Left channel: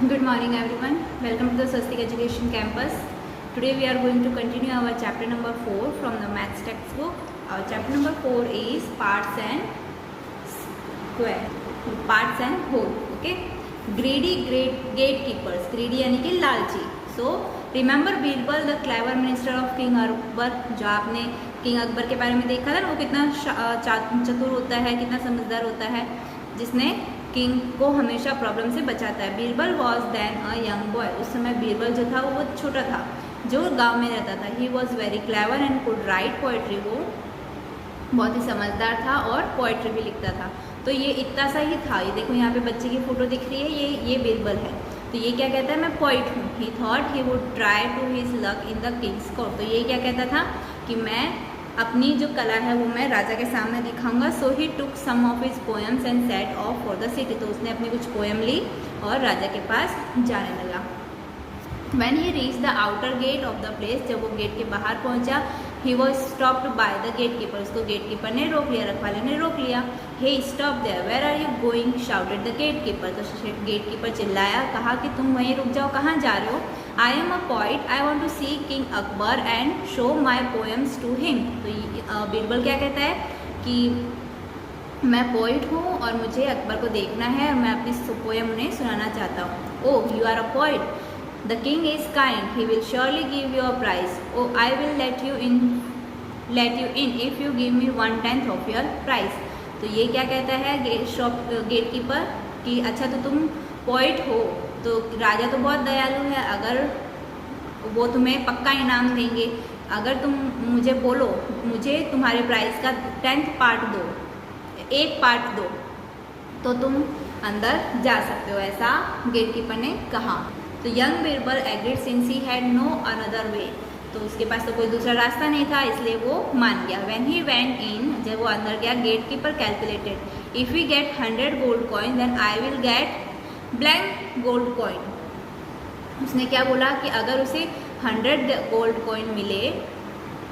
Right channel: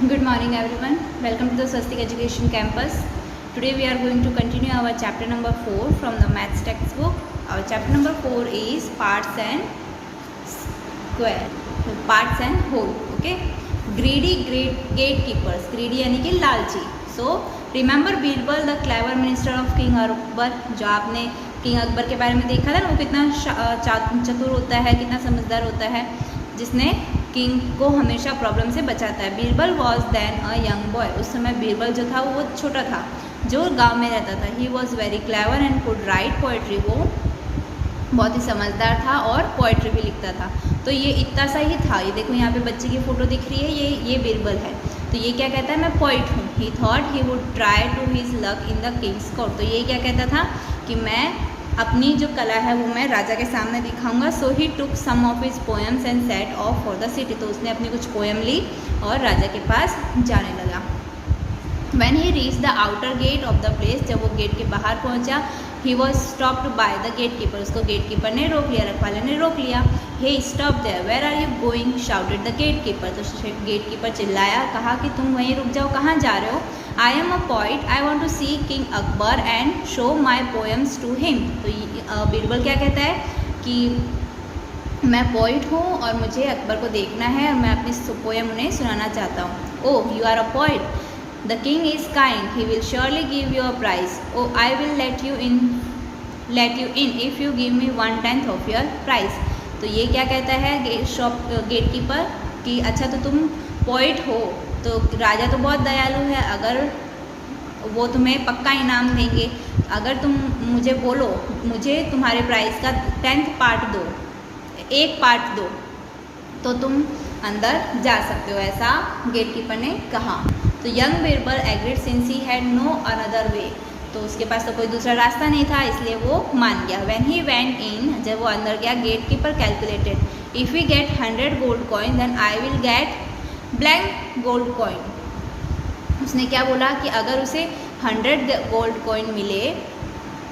Good morning everyone. Welcome to the Swastik Education Campus. Today we are going to continue our chapter number 4 from the maths textbook. Our chapter number 4 is parts and square, parts and whole. Okay. Greedy gatekeepers. Greedy यानी कि लालची. So remember Birbal the clever minister of King Akbar. जो आपने king Akbar के बारे में देखा था ना, वो कितना चतुर होता है, कितना समझदार होता है, जिसने किंग को हमेशा प्रॉब्लम से बचाता है. Birbal was then a young boy. उस समय बीरबल जो था वो छोटा था, जो गांव में रहता था. He was very clever and could write poetry. वो बहुत ही समझदार था और पोएट्री भी लिखता था. तो ये इतना सा ही था. ये देखो यहाँ पे बच्चे की फ़ोटो दिख रही है, ये बीरबल है. तो ये क्या कहता है, मैं पोइट हूँ. He thought he would try to his luck in the king's court. तो ये क्या कहता था कि मैं अपनी जो कला है वो मैं राजा के सामने दिखाऊंगा. So he took some of his poems and set off for the city. तो उसने अपनी कुछ पोएम ली और राजा के पास जाने लगा. When he reached the outer gate of the place, जब वो गेट के बाहर पहुंचा, he was stopped by the gatekeeper. उसको गेटकीपर ने रोक लिया, रखवाले ने रोक लिया. Hey, stop there. Where are you going? shouted the gatekeeper. तो गेटकीपर चिल्लाया, कहा कि तुम वहीं रुक जाओ, कहाँ जा रहे हो? I am a poet. I want to see King Akbar and show my poems to him. तो बीरबल क्या कहता है कि मैं पोइट हूँ और मुझे अकबर को देखना है और मैं अपनी पोएम उन्हें सुनाना चाहता हूँ. Oh, you are a poet. The king is kind. He will surely give you a prize. Oh, I will let you in if you give me 1/10 of your prize. तो ये क्या कहता है गेटकीपर कि अच्छा तो तुम पोइट हो, तो राजा तो बहुत दयालु है, अगर वो तुम्हें पक्का इनाम देंगे. अगर तुम मुझे बोलो, मुझे तुम्हारे प्राइस का 10th पार्ट दो, एक पार्ट दो, तो तुम अंदर जा सकते हो, ऐसा गेटकीपर ने कहा. तो young Birbal agreed since he had no another way. तो उसके पास तो कोई दूसरा रास्ता नहीं था, इसलिए वो मान गया. व्हेन ही वेंट इन, जब वो अंदर गया, gatekeeper calculated, if we get 100 gold coin then I will get blank gold coin. उसने क्या बोला कि अगर उसे 100 गोल्ड कॉइन मिले,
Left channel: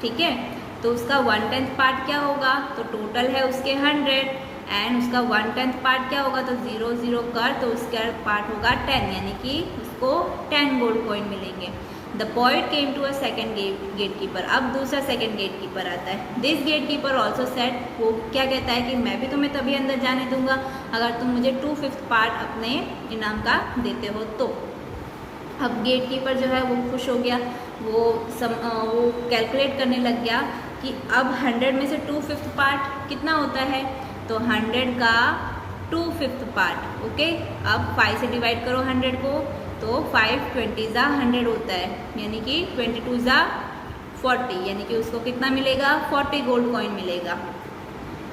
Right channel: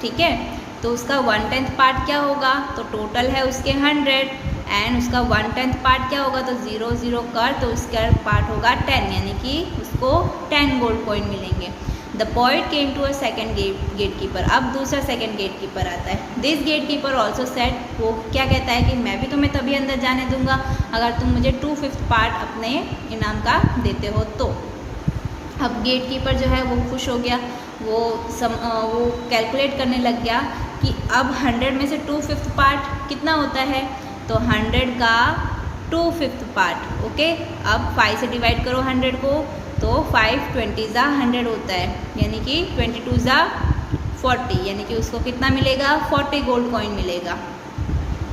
ठीक है, तो उसका 1/10 पार्ट क्या होगा, तो टोटल है उसके 100 एंड उसका 1/10 पार्ट क्या होगा, तो 0 0 कर, तो उसका पार्ट होगा 10, यानी कि उसको 10 गोल्ड कॉइन मिलेंगे. The point came to a second gatekeeper. अब दूसरा सेकेंड गेटकीपर आता है. दिस गेटकीपर ऑल्सो सेट, वो क्या कहता है कि मैं भी तुम्हें तभी अंदर जाने दूंगा अगर तुम मुझे 2/5 पार्ट अपने इनाम का देते हो तो. अब गेटकीपर जो है वो खुश हो गया. वो कैलकुलेट करने लग गया कि अब 100 में से 2/5 पार्ट कितना होता है, तो 100 का 2/5 पार्ट. ओके, अब 5 से डिवाइड करो 100 को, तो 5 20 ज़ा 100 होता है, यानी कि 22 ज़ा 40, यानी कि उसको कितना मिलेगा, 40 गोल्ड कॉइन मिलेगा.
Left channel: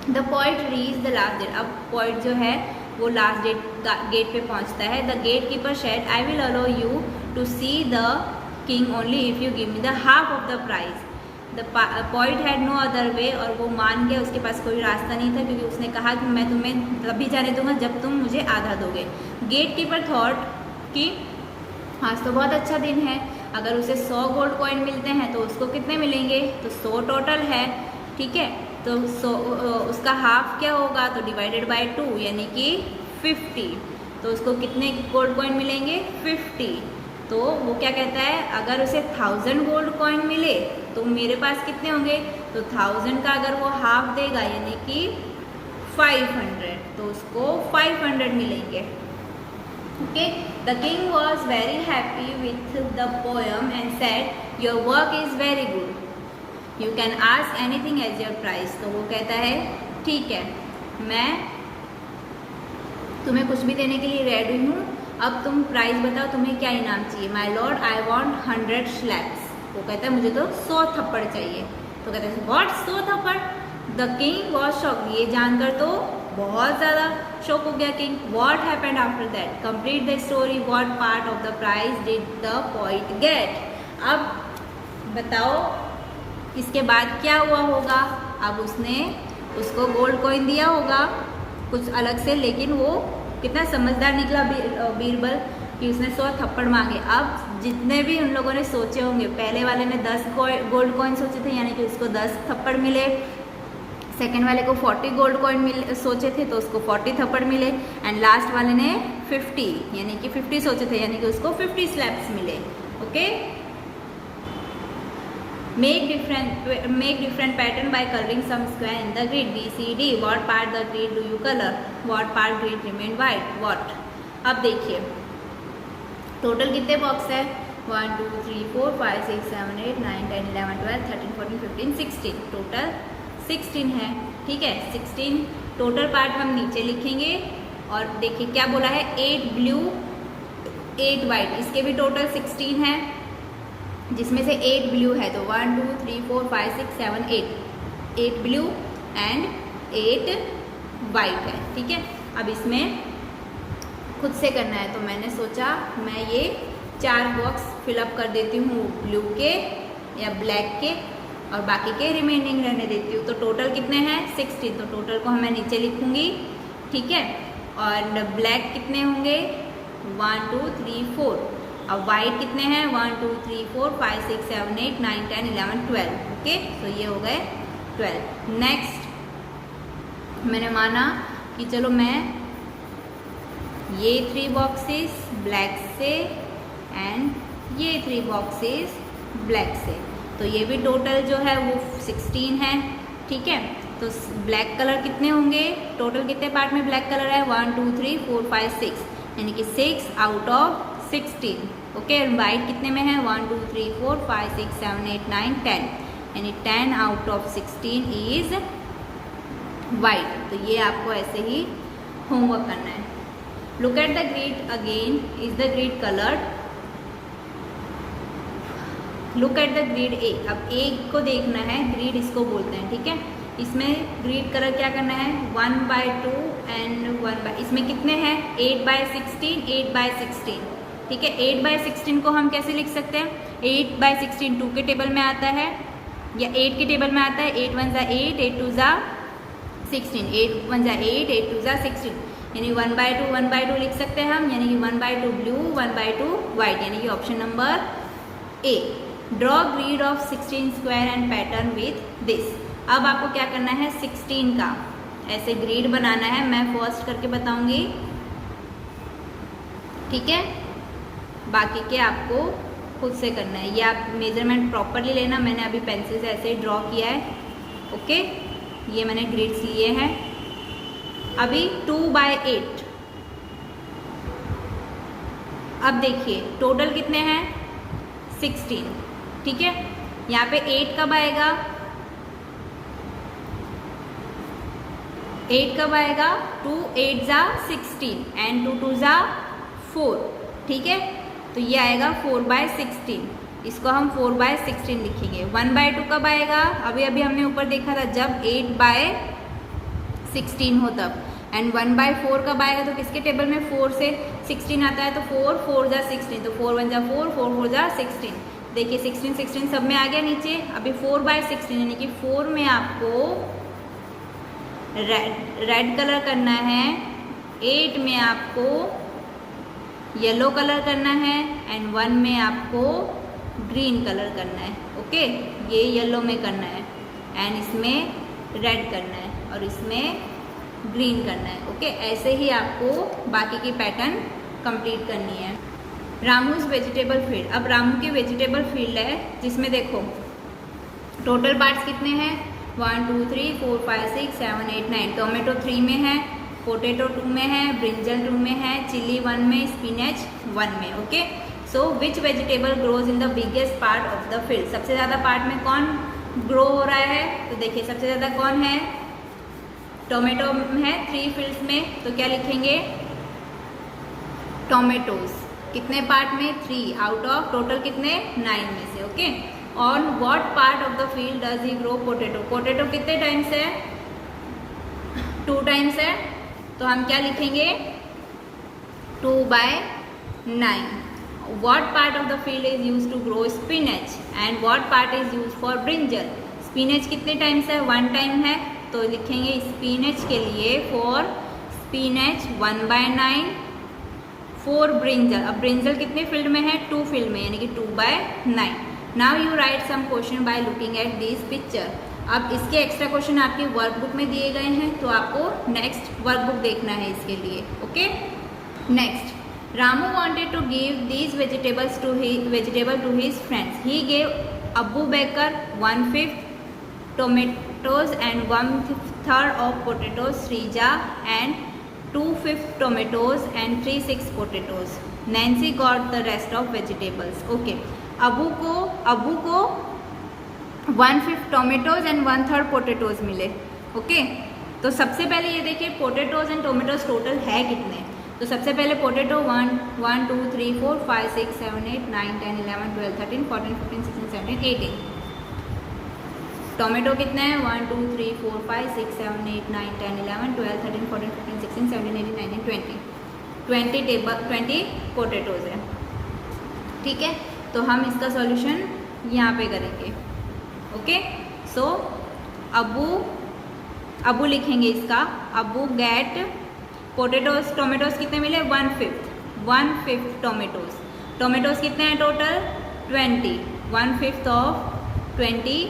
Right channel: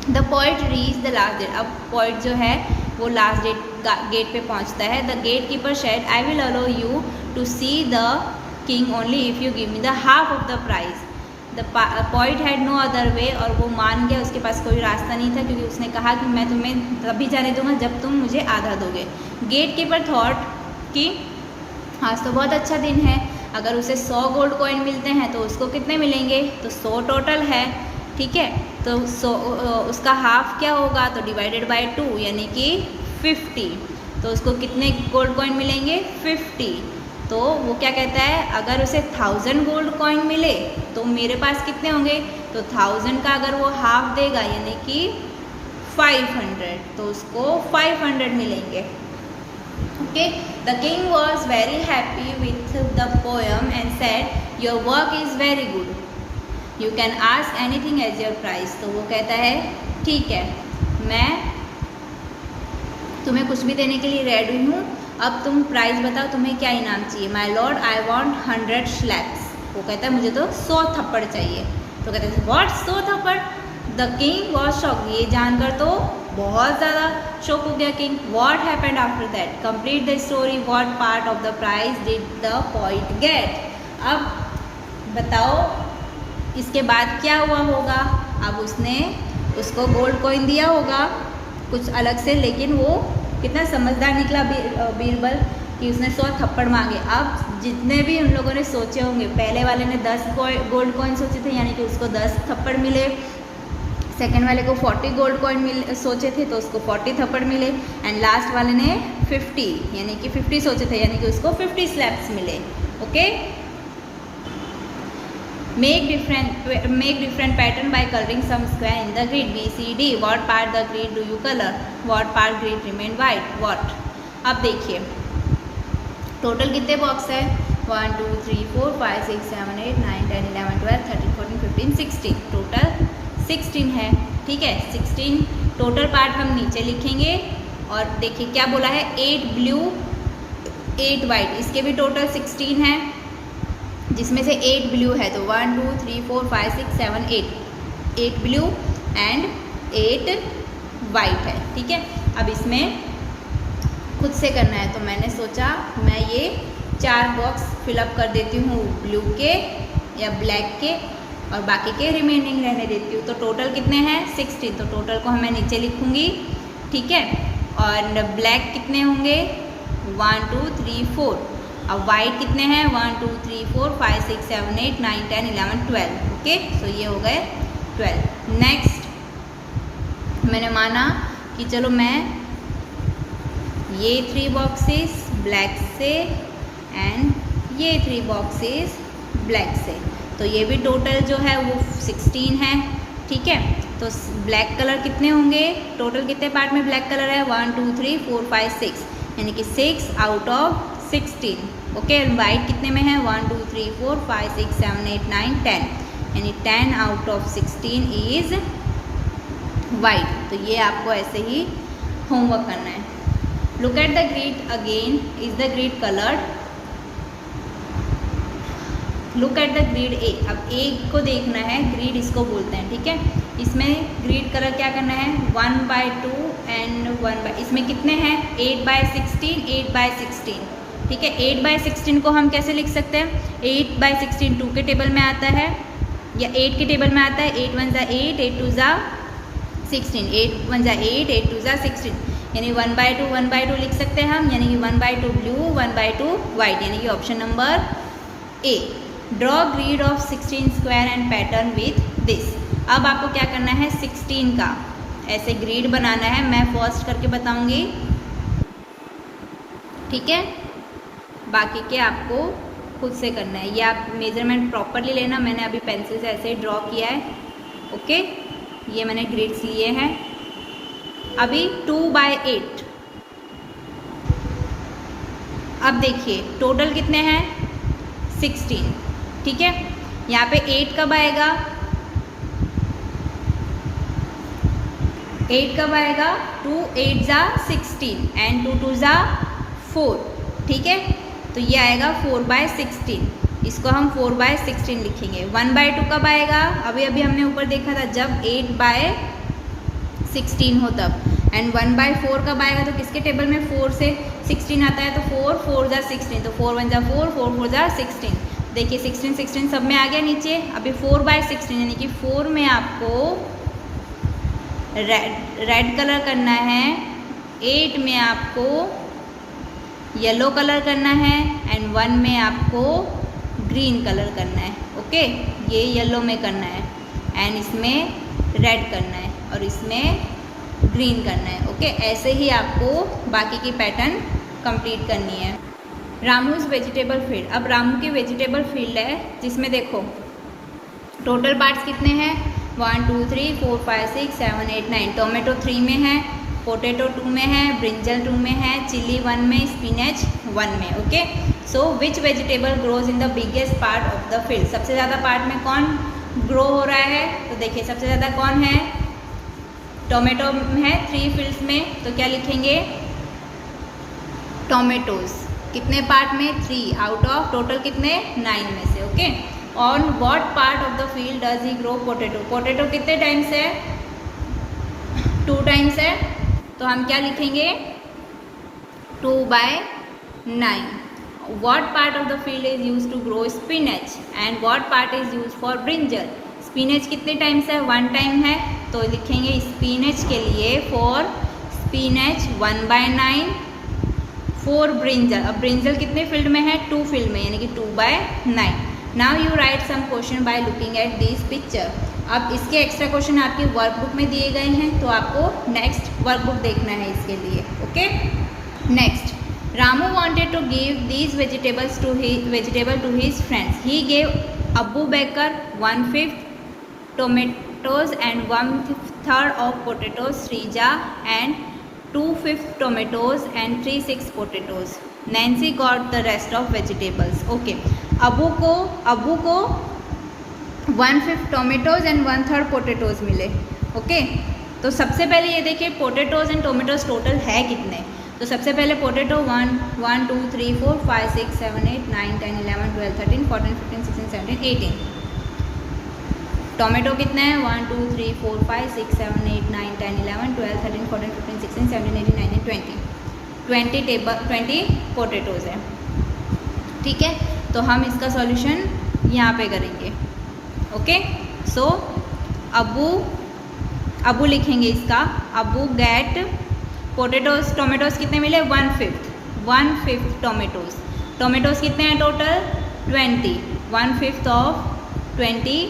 The point reach the last date. अब पॉइंट जो है वो लास्ट गेट पे पहुंचता है. The gatekeeper said, I will allow you to see the king only if you give me the half of the prize. The point had no other way. और वो मान गया, उसके पास कोई रास्ता नहीं था, क्योंकि उसने कहा कि मैं तुम्हें तभी जाने दूंगा जब तुम मुझे आधा दोगे. गेट कीपर थॉट कि आज तो बहुत अच्छा दिन है, अगर उसे 100 गोल्ड कॉइन मिलते हैं तो उसको कितने मिलेंगे, तो 100 टोटल है, ठीक है, तो 100 उसका हाफ क्या होगा, तो डिवाइडेड बाय 2, यानी कि 50. तो उसको कितने गोल्ड कॉइन मिलेंगे, 50. तो वो क्या कहता है, अगर उसे 1000 गोल्ड कॉइन मिले तो मेरे पास कितने होंगे, तो 1000 का अगर वो हाफ देगा, यानी कि 500, तो उसको 500 मिलेंगे. Okay, the king was very happy with the poem and said, your work is very good, you can ask anything as your prize. तो वो कहता है ठीक है, मैं तुम्हें कुछ भी देने के लिए रेडी हूँ, अब तुम प्राइस बताओ, तुम्हें क्या इनाम चाहिए. My Lord, I want 100 slaps. वो कहता है मुझे तो 100 थप्पड़ चाहिए. तो कहते हैं व्हाट, 100 थप्पड़. The king was shock. ये जानकर तो बहुत ज़्यादा शॉक हो गया king. What happened after that, complete the story, what part of the prize did the point get. अब बताओ इसके बाद क्या हुआ होगा. अब उसने उसको गोल्ड कॉइन दिया होगा कुछ अलग से, लेकिन वो कितना समझदार निकला बीरबल कि उसने 100 थप्पड़ मांगे. अब जितने भी उन लोगों ने सोचे होंगे, पहले वाले ने 10 गोल्ड कॉइन सोचे थे, यानी कि उसको 10 थप्पड़ मिले. सेकेंड वाले को 40 गोल्ड कॉइन सोचे थे तो उसको 40 थप्पड़ मिले. एंड लास्ट वाले ने 50, यानी कि 50 सोचे थे, यानी कि उसको 50 स्लैब्स मिले। Okay, make different pattern by colouring some square in the grid BCD। What part the grid do you colour? What part grid remain white? What? अब देखिए टोटल कितने बॉक्स है? 1 2 3 4 5 6 7 8 9 10 11 12 13 14 15 16, टोटल 16 है। ठीक है, 16 टोटल पार्ट हम नीचे लिखेंगे। और देखिए क्या बोला है, 8 ब्लू 8 वाइट, इसके भी टोटल 16 है, जिसमें से 8 ब्लू है, तो 1 2 3 4 5 6 7 8 ब्लू एंड 8 वाइट है। ठीक है, अब इसमें खुद से करना है, तो मैंने सोचा मैं ये 4 बॉक्स फिलअप कर देती हूँ ब्लू के या ब्लैक के, और बाकी के रिमेनिंग रहने देती हूँ। तो टोटल कितने हैं? 16, तो टोटल को मैं नीचे लिखूँगी। ठीक है, और ब्लैक कितने होंगे? 1 2 3 4। अब वाइट कितने हैं? 1 2 3 4 5 6 7 8 9 10 11 12। ओके, सो ये हो गए 12। नेक्स्ट मैंने माना कि चलो मैं ये 3 बॉक्सेस ब्लैक से एंड ये 3 बॉक्सेस ब्लैक से, तो ये भी टोटल जो है वो 16 है। ठीक है, तो ब्लैक कलर कितने होंगे? टोटल कितने पार्ट में ब्लैक कलर है? 1 2 3 4 5 6, यानी कि 6 आउट ऑफ 16। ओके, वाइट कितने में है? 1 2 3 4 5 6 7 8 9 10, यानी 10 आउट ऑफ 16 इज वाइट। तो ये आपको ऐसे ही होमवर्क करना है। Look at the grid again, is the grid coloured? Look at the grid A. अब ए को देखना है, ग्रिड इसको बोलते हैं। ठीक है, इसमें ग्रिड कलर क्या करना है? 1/2 एंड 1/, इसमें कितने हैं? 8/16 8/16। ठीक है, 8/16 को हम कैसे लिख सकते हैं? 8/16 2 के टेबल में आता है या 8 के टेबल में आता है। 8 1 ज़ा 8, 8 2 ज़ा 16, 8 1 ज़ा 8, 8 2 ज़ा 16, यानी 1/2 लिख सकते हैं हम, यानी कि 1/2 ब्लू 1/2 वाइट, यानी कि option number A. Draw grid of 16 square and pattern with this. अब आपको क्या करना है? 16 का ऐसे ग्रिड बनाना है, मैं फर्स्ट करके बताऊंगी। ठीक है, बाकी के आपको खुद से करना है। ये आप मेजरमेंट प्रॉपरली लेना, मैंने अभी पेंसिल से ऐसे ही ड्रॉ किया है। ओके, ये मैंने ग्रिड्स लिए हैं। अभी 2/8। अब देखिए टोटल कितने हैं? 16। ठीक है, यहाँ पे 8 कब आएगा? 8 कब आएगा? 2 8 ज़ा 16 एंड 2 2 ज़ा 4। ठीक है, तो ये आएगा 4/16, इसको हम 4/16 लिखेंगे। 1/2 कब आएगा? अभी हमने ऊपर देखा था जब 8/16 हो तब। एंड 1/4 कब आएगा? तो किसके टेबल में 4 से 16 आता है, तो 4 4 ज़ा 16, तो 4 1 ज़ा 4 4 4 ज़ा 16। देखिए 16 16 सब में आ गया नीचे। अभी 4/16, यानी कि 4 में आपको रेड कलर करना है, 8 में आपको येलो कलर करना है एंड 1 में आपको ग्रीन कलर करना है। ओके, ये येलो में करना है एंड इसमें रेड करना है और इसमें ग्रीन करना है। ओके, ऐसे ही आपको बाकी की पैटर्न कंप्लीट करनी है। रामूज वेजिटेबल फील्ड। अब रामू की वेजिटेबल फील्ड है जिसमें देखो टोटल पार्ट्स कितने हैं? 1 2 3 4 5 6 7 8 9। टोमेटो 3 में है, पोटैटो 2 में है, ब्रिंजल 2 में है, चिली 1 में, स्पिनच 1 में। Okay, so which vegetable grows in the biggest part of the field? सबसे ज़्यादा पार्ट में कौन ग्रो हो रहा है? तो देखिए सबसे ज़्यादा कौन है? टोमेटो है 3 फील्ड्स में, तो क्या लिखेंगे? टोमेटोज। कितने पार्ट में? 3 आउट ऑफ टोटल कितने? 9 में से। Okay, on what part of the field does he grow potato? Potato कितने टाइम्स है? 2 टाइम्स है, तो हम क्या लिखेंगे? 2/9। What part of the field is use to grow spinach and what part is use for brinjal? Spinach कितने times है? 1 time है, तो लिखेंगे स्पिनच के लिए फॉर स्पिनच 1/9 फॉर ब्रिंजल। अब ब्रिंजल कितने फील्ड में है? 2 फील्ड में, यानी कि 2/9। Now you write some question by looking at this picture. अब इसके एक्स्ट्रा क्वेश्चन आपकी वर्कबुक में दिए गए हैं, तो आपको नेक्स्ट वर्कबुक देखना है इसके लिए। Okay, Next, Ramu wanted to give these vegetables to his friends. He gave Abu Bakr 1/5 tomatoes and 1/3 of potatoes, Srija and 2/5 tomatoes and 3/6 potatoes. Nancy got the rest of vegetables. Okay, Abu को 1/5 tomatoes and 1/3 potatoes मिले. Okay, तो सबसे पहले ये देखिए potatoes and tomatoes total है कितने. तो सबसे पहले पोटेटो 1 2 3 4 5 6 7 8 9 10 11 12 13 14 15 16 17 18. टोमेटो कितने हैं 1 2 3 4 5 6 7 8 9 10 11 12 13 14 15 16 17 18 19 20 पोटेटोज है. ठीक है, तो हम इसका सॉल्यूशन यहाँ पे करेंगे. ओके, सो अबू लिखेंगे इसका. अबू गेट पोटेटोज टोमेटोज कितने मिले 1/5 टोमेटोज कितने हैं टोटल 20. 1/5 ऑफ 20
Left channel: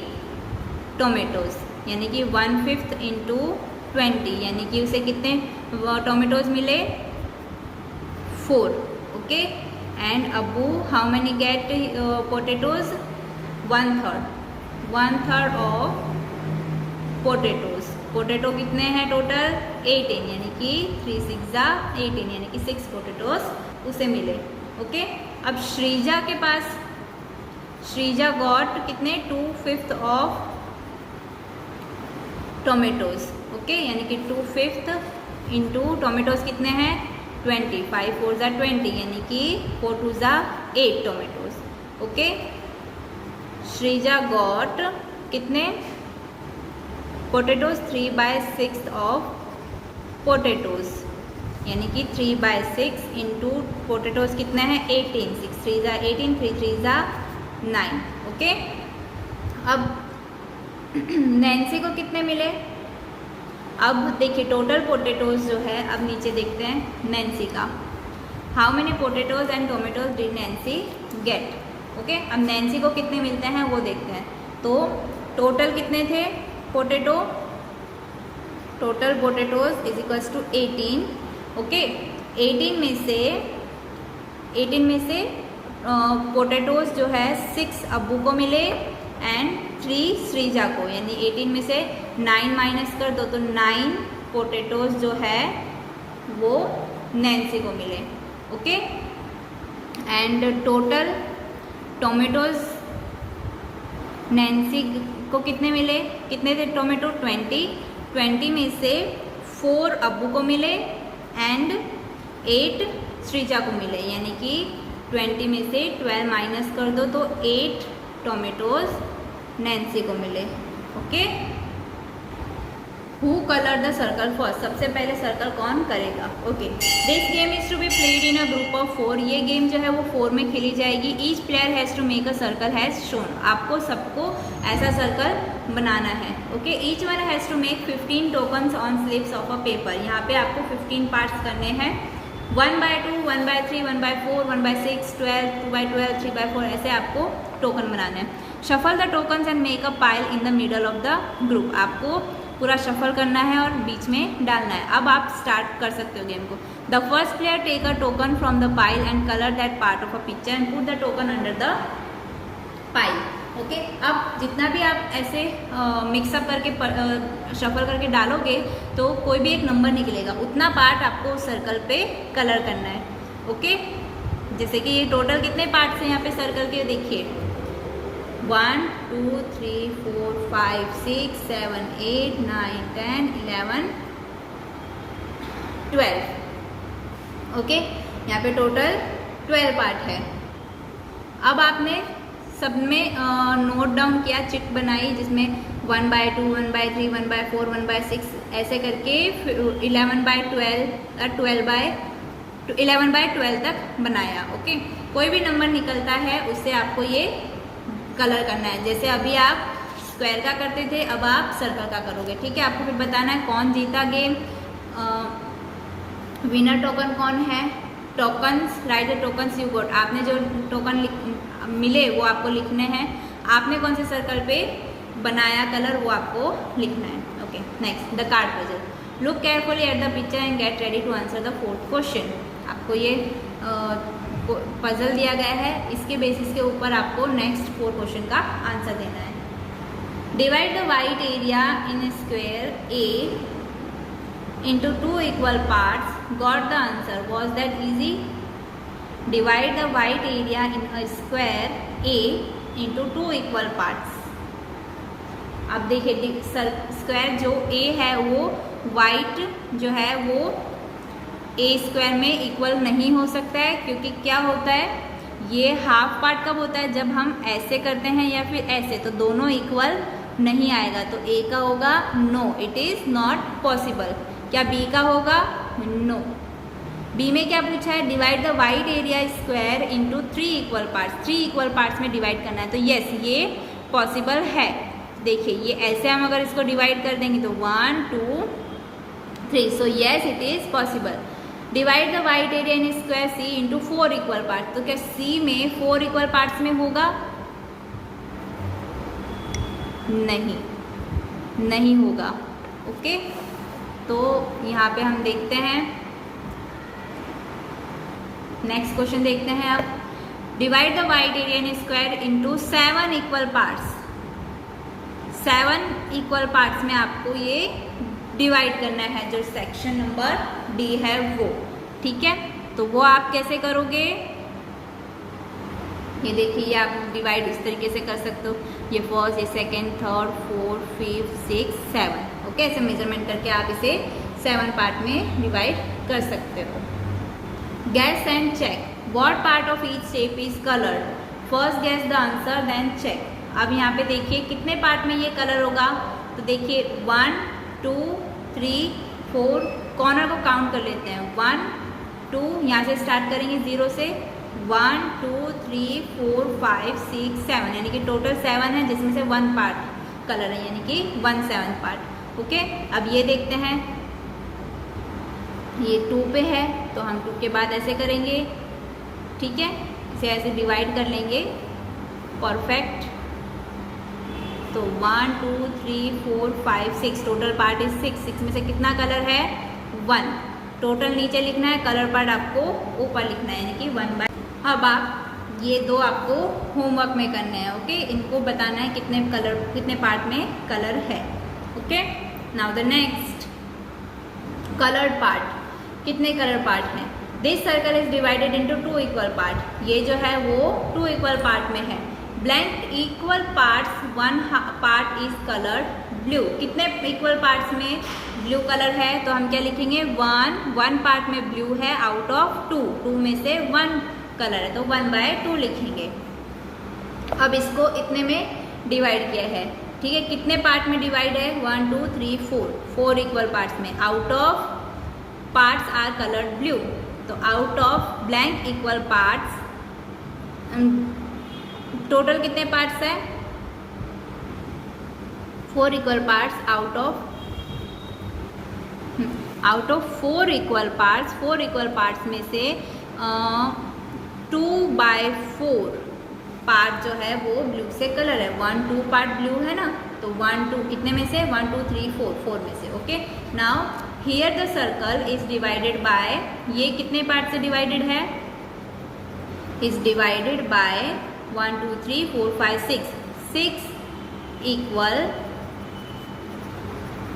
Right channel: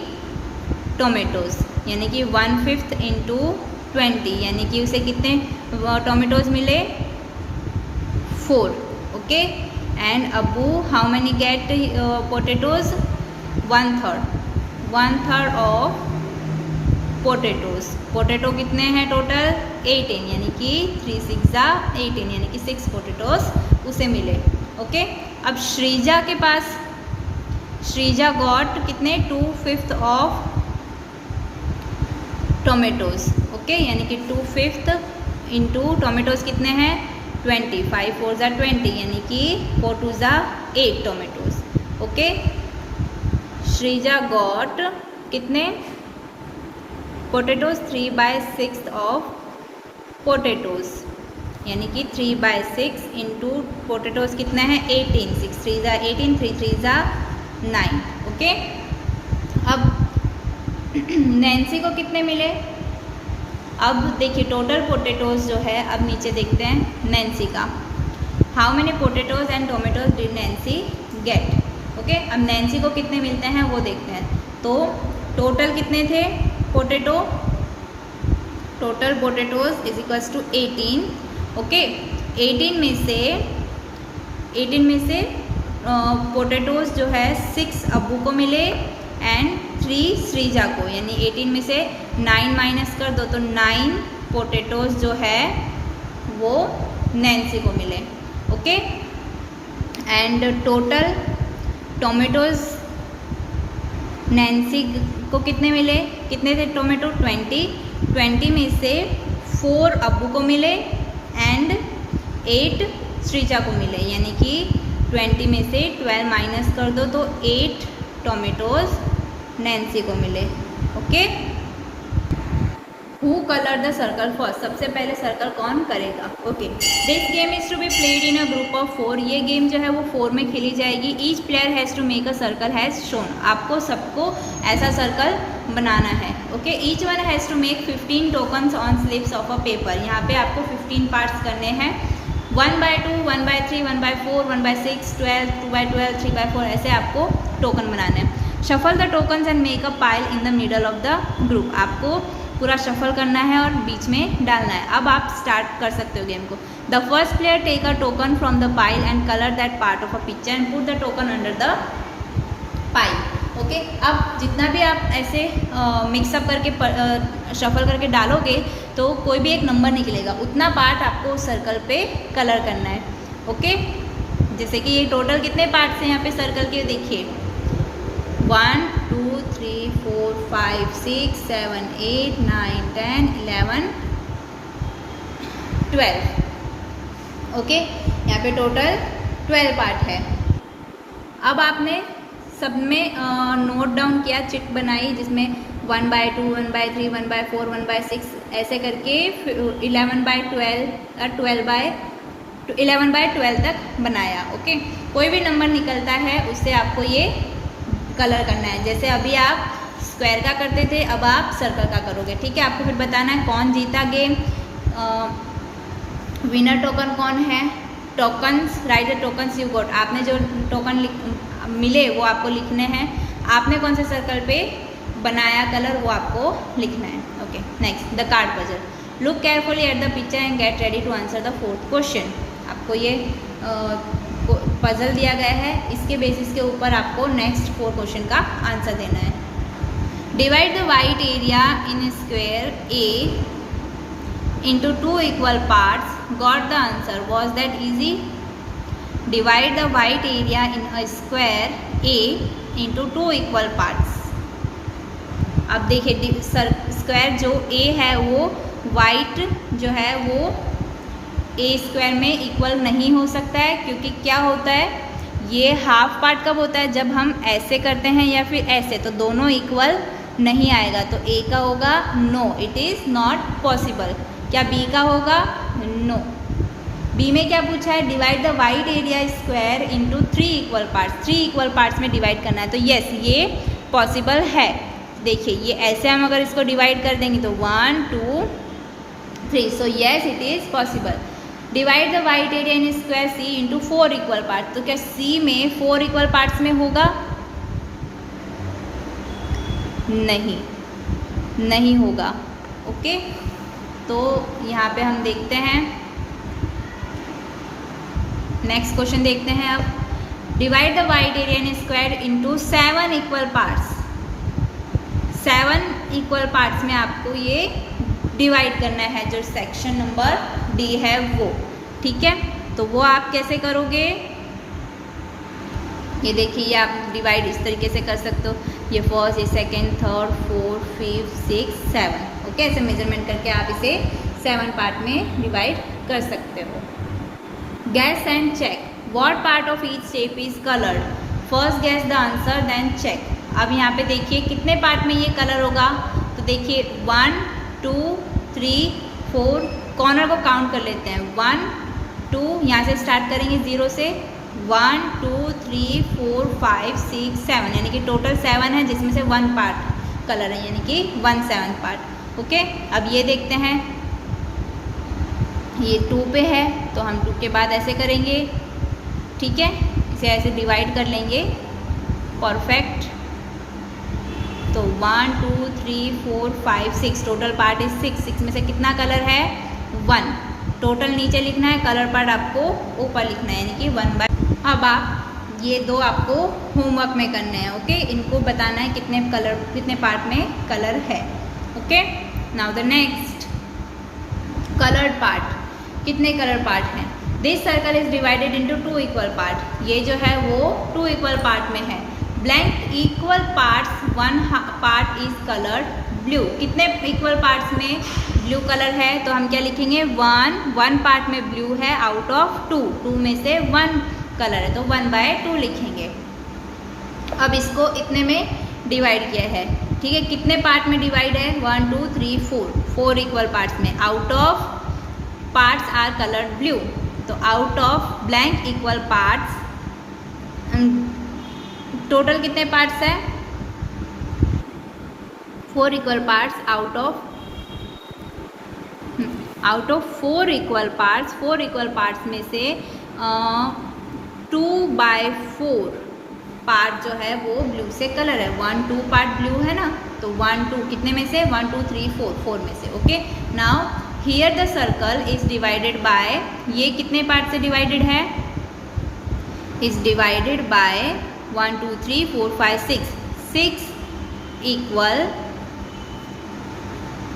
टोमेटोज यानी कि 1/5 इंटू 20 यानी कि उसे कितने टोमेटोज मिले 4. Okay, and Abu how many get potatoes 1/3 of potato कितने हैं टोटल 18 यानी कि 3 6 18 यानी कि 6 पोटेटोज उसे मिले. ओके, अब श्रीजा के पास श्रीजा गॉट कितने 2/5 ऑफ टोमेटोज. ओके, यानी कि 2/5 इंटू टोमेटोज कितने हैं 20. 5 4 20 यानी कि 4 2 8 टोमेटोज. ओके, श्रीजा गॉट कितने पोटेटोज 3/6 ऑफ पोटेटोज यानी कि 3/6 इंटू पोटेटोज कितने हैं 18. 6 3 18 3 3 9. ओके, अब नैन्सी को कितने मिले. अब देखिए टोटल पोटेटोज जो है, अब नीचे देखते हैं नैन्सी का. How many potatoes and tomatoes did Nancy get. Okay, अब नैन्सी को कितने मिलते हैं वो देखते हैं. तो टोटल कितने थे total potatoes is equals to 18. Okay, 18 में से पोटेटोज जो है 6 अब्बू को मिले एंड 3 श्रीजा को, यानी 18 में से 9 माइनस कर दो तो 9 पोटेटोज जो है वो नैन्सी को मिले. Okay, and total tomatoes Nancy को कितने मिले, कितने थे टोमेटो 20 में से 4 अब्बू को मिले एंड 8 श्रीजा को मिले, यानी कि 20 में से 12 माइनस कर दो तो 8 टोमेटोज नैन्सी को मिले. Okay, who colour the circle first, सबसे पहले सर्कल कौन करेगा. Okay, this game is to be played in a group of 4. ये गेम जो है वो 4 में खेली जाएगी. Each player has to make a circle has shown. आपको सबको ऐसा सर्कल बनाना है. Okay, each one has to make 15 tokens on slips of a paper. यहाँ पे आपको 15 पार्ट्स करने हैं. 1/2 1/3 1/4 1/6 12 2/12 3/4 ऐसे आपको टोकन बनाना है. Shuffle the tokens and make a pile in the middle of the group. आपको पूरा शफल करना है और बीच में डालना है. अब आप स्टार्ट कर सकते हो गेम को. The first player take a token from the pile and colour that part of a picture and put the token under the pile. Okay, अब जितना भी आप ऐसे मिक्सअप करके शफल करके डालोगे तो कोई भी एक नंबर निकलेगा, उतना पार्ट आपको उस सर्कल पे कलर करना है. ओके, जैसे कि ये टोटल कितने पार्ट्स हैं यहाँ पे सर्कल के देखिए 1 2 3 4 5 6 7 8 9 10 11 12. ओके, यहाँ पे टोटल 12 पार्ट है. अब आपने सब में नोट डाउन किया, चिट बनाई जिसमें 1/2 1/3 1/4 1/6 ऐसे करके 11/12 तक बनाया. ओके, कोई भी नंबर निकलता है उससे आपको ये कलर करना है. जैसे अभी आप स्क्वायर का करते थे, अब आप सर्कल का करोगे. ठीक है, आपको फिर बताना है कौन जीता गेम. विनर टोकन कौन है. Tokens, right the tokens you got. आपने जो टोकन मिले वो आपको लिखने हैं. आपने कौन से सर्कल पे बनाया कलर वो आपको लिखना है. Okay, next the card puzzle. Look carefully at the picture and get ready to answer the 4th question. आपको ये पजल दिया गया है, इसके बेसिस के ऊपर आपको नेक्स्ट 4 क्वेश्चन का आंसर देना है। Divide the white area in square A into 2 equal parts, got the answer. Was that easy? Divide the white area in a square A into 2 equal parts. अब देखिए square जो A है वो white जो है वो A स्क्वायर में equal नहीं हो सकता है, क्योंकि क्या होता है, ये हाफ पार्ट कब होता है, जब हम ऐसे करते हैं या फिर ऐसे, तो दोनों इक्वल नहीं आएगा। तो A का होगा no, it is not possible. क्या B का होगा? नो। B में क्या पूछा है? Divide the white area square into 3 equal parts, 3 equal parts में डिवाइड करना है। तो यस, ये पॉसिबल है। देखिए ये ऐसे हम अगर इसको डिवाइड कर देंगे तो 1 2 3, so yes it is possible. Divide the white area in square C into 4 equal part, तो क्या C में 4 इक्वल पार्ट्स में होगा? नहीं, नहीं होगा। ओके, तो यहाँ पे हम देखते हैं, नेक्स्ट क्वेश्चन देखते हैं अब। Divide the white area in square into 7 equal parts. 7 equal parts में आपको ये डिवाइड करना है, जो सेक्शन नंबर D है वो, ठीक है। तो वो आप कैसे करोगे? ये देखिए, ये आप डिवाइड इस तरीके से कर सकते हो, ये फर्स्ट, ये सेकेंड, थर्ड, फोर्थ, 5, 6, 7, ओके। ऐसे मेजरमेंट करके आप इसे 7 पार्ट में डिवाइड कर सकते हो। Guess and check what part of each shape is coloured. First guess the answer then check. अब यहाँ पे देखिए कितने पार्ट में ये कलर होगा, तो देखिए 1 2 3 4, कॉर्नर को काउंट कर लेते हैं, 1 2, यहाँ से स्टार्ट करेंगे 0 से, 1 2 3 4 5 6 7, यानी कि टोटल 7 है, जिसमें से 1 पार्ट कलर है, यानी कि 1/7 पार्ट। ओके, अब ये देखते हैं, ये 2 पे है तो हम 2 के बाद ऐसे करेंगे, ठीक है, इसे ऐसे डिवाइड कर लेंगे, परफेक्ट। तो 1 2 3 4 5 6, टोटल पार्ट इज 6 में से कितना कलर है? 1। टोटल नीचे लिखना है, कलर पार्ट आपको ऊपर लिखना है, यानी कि 1/। अब आप ये 2 आपको होमवर्क में करने हैं, ओके। इनको बताना है कितने पार्ट में कलर है, okay. Now the next, coloured part. कितने कलर पार्ट हैं? This circle is divided into 2 equal part. ये जो है वो 2 इक्वल पार्ट में है। Blank equal parts, 1 part is coloured blue. कितने इक्वल पार्ट्स में ब्लू कलर है? तो हम क्या लिखेंगे? 1 पार्ट में ब्लू है आउट ऑफ 2 में से 1 कलर है, तो 1/2 लिखेंगे। अब इसको इतने में डिवाइड किया है, ठीक है। कितने पार्ट में डिवाइड है? 1 2 3 4 इक्वल पार्ट्स में। Out of parts are coloured blue, तो out of blank equal parts, total कितने पार्ट्स हैं? 4 equal parts out of 4 equal parts. 4 equal parts में से 2/4 पार्ट जो है वो ब्लू से कलर है। 1 2 पार्ट ब्लू है ना, तो 1 2 कितने में से? 1 2 3 4 में से, okay. Now here the circle is divided by, ये कितने पार्ट से डिवाइडेड है? Is divided by 1 2 3 4 5 6 equal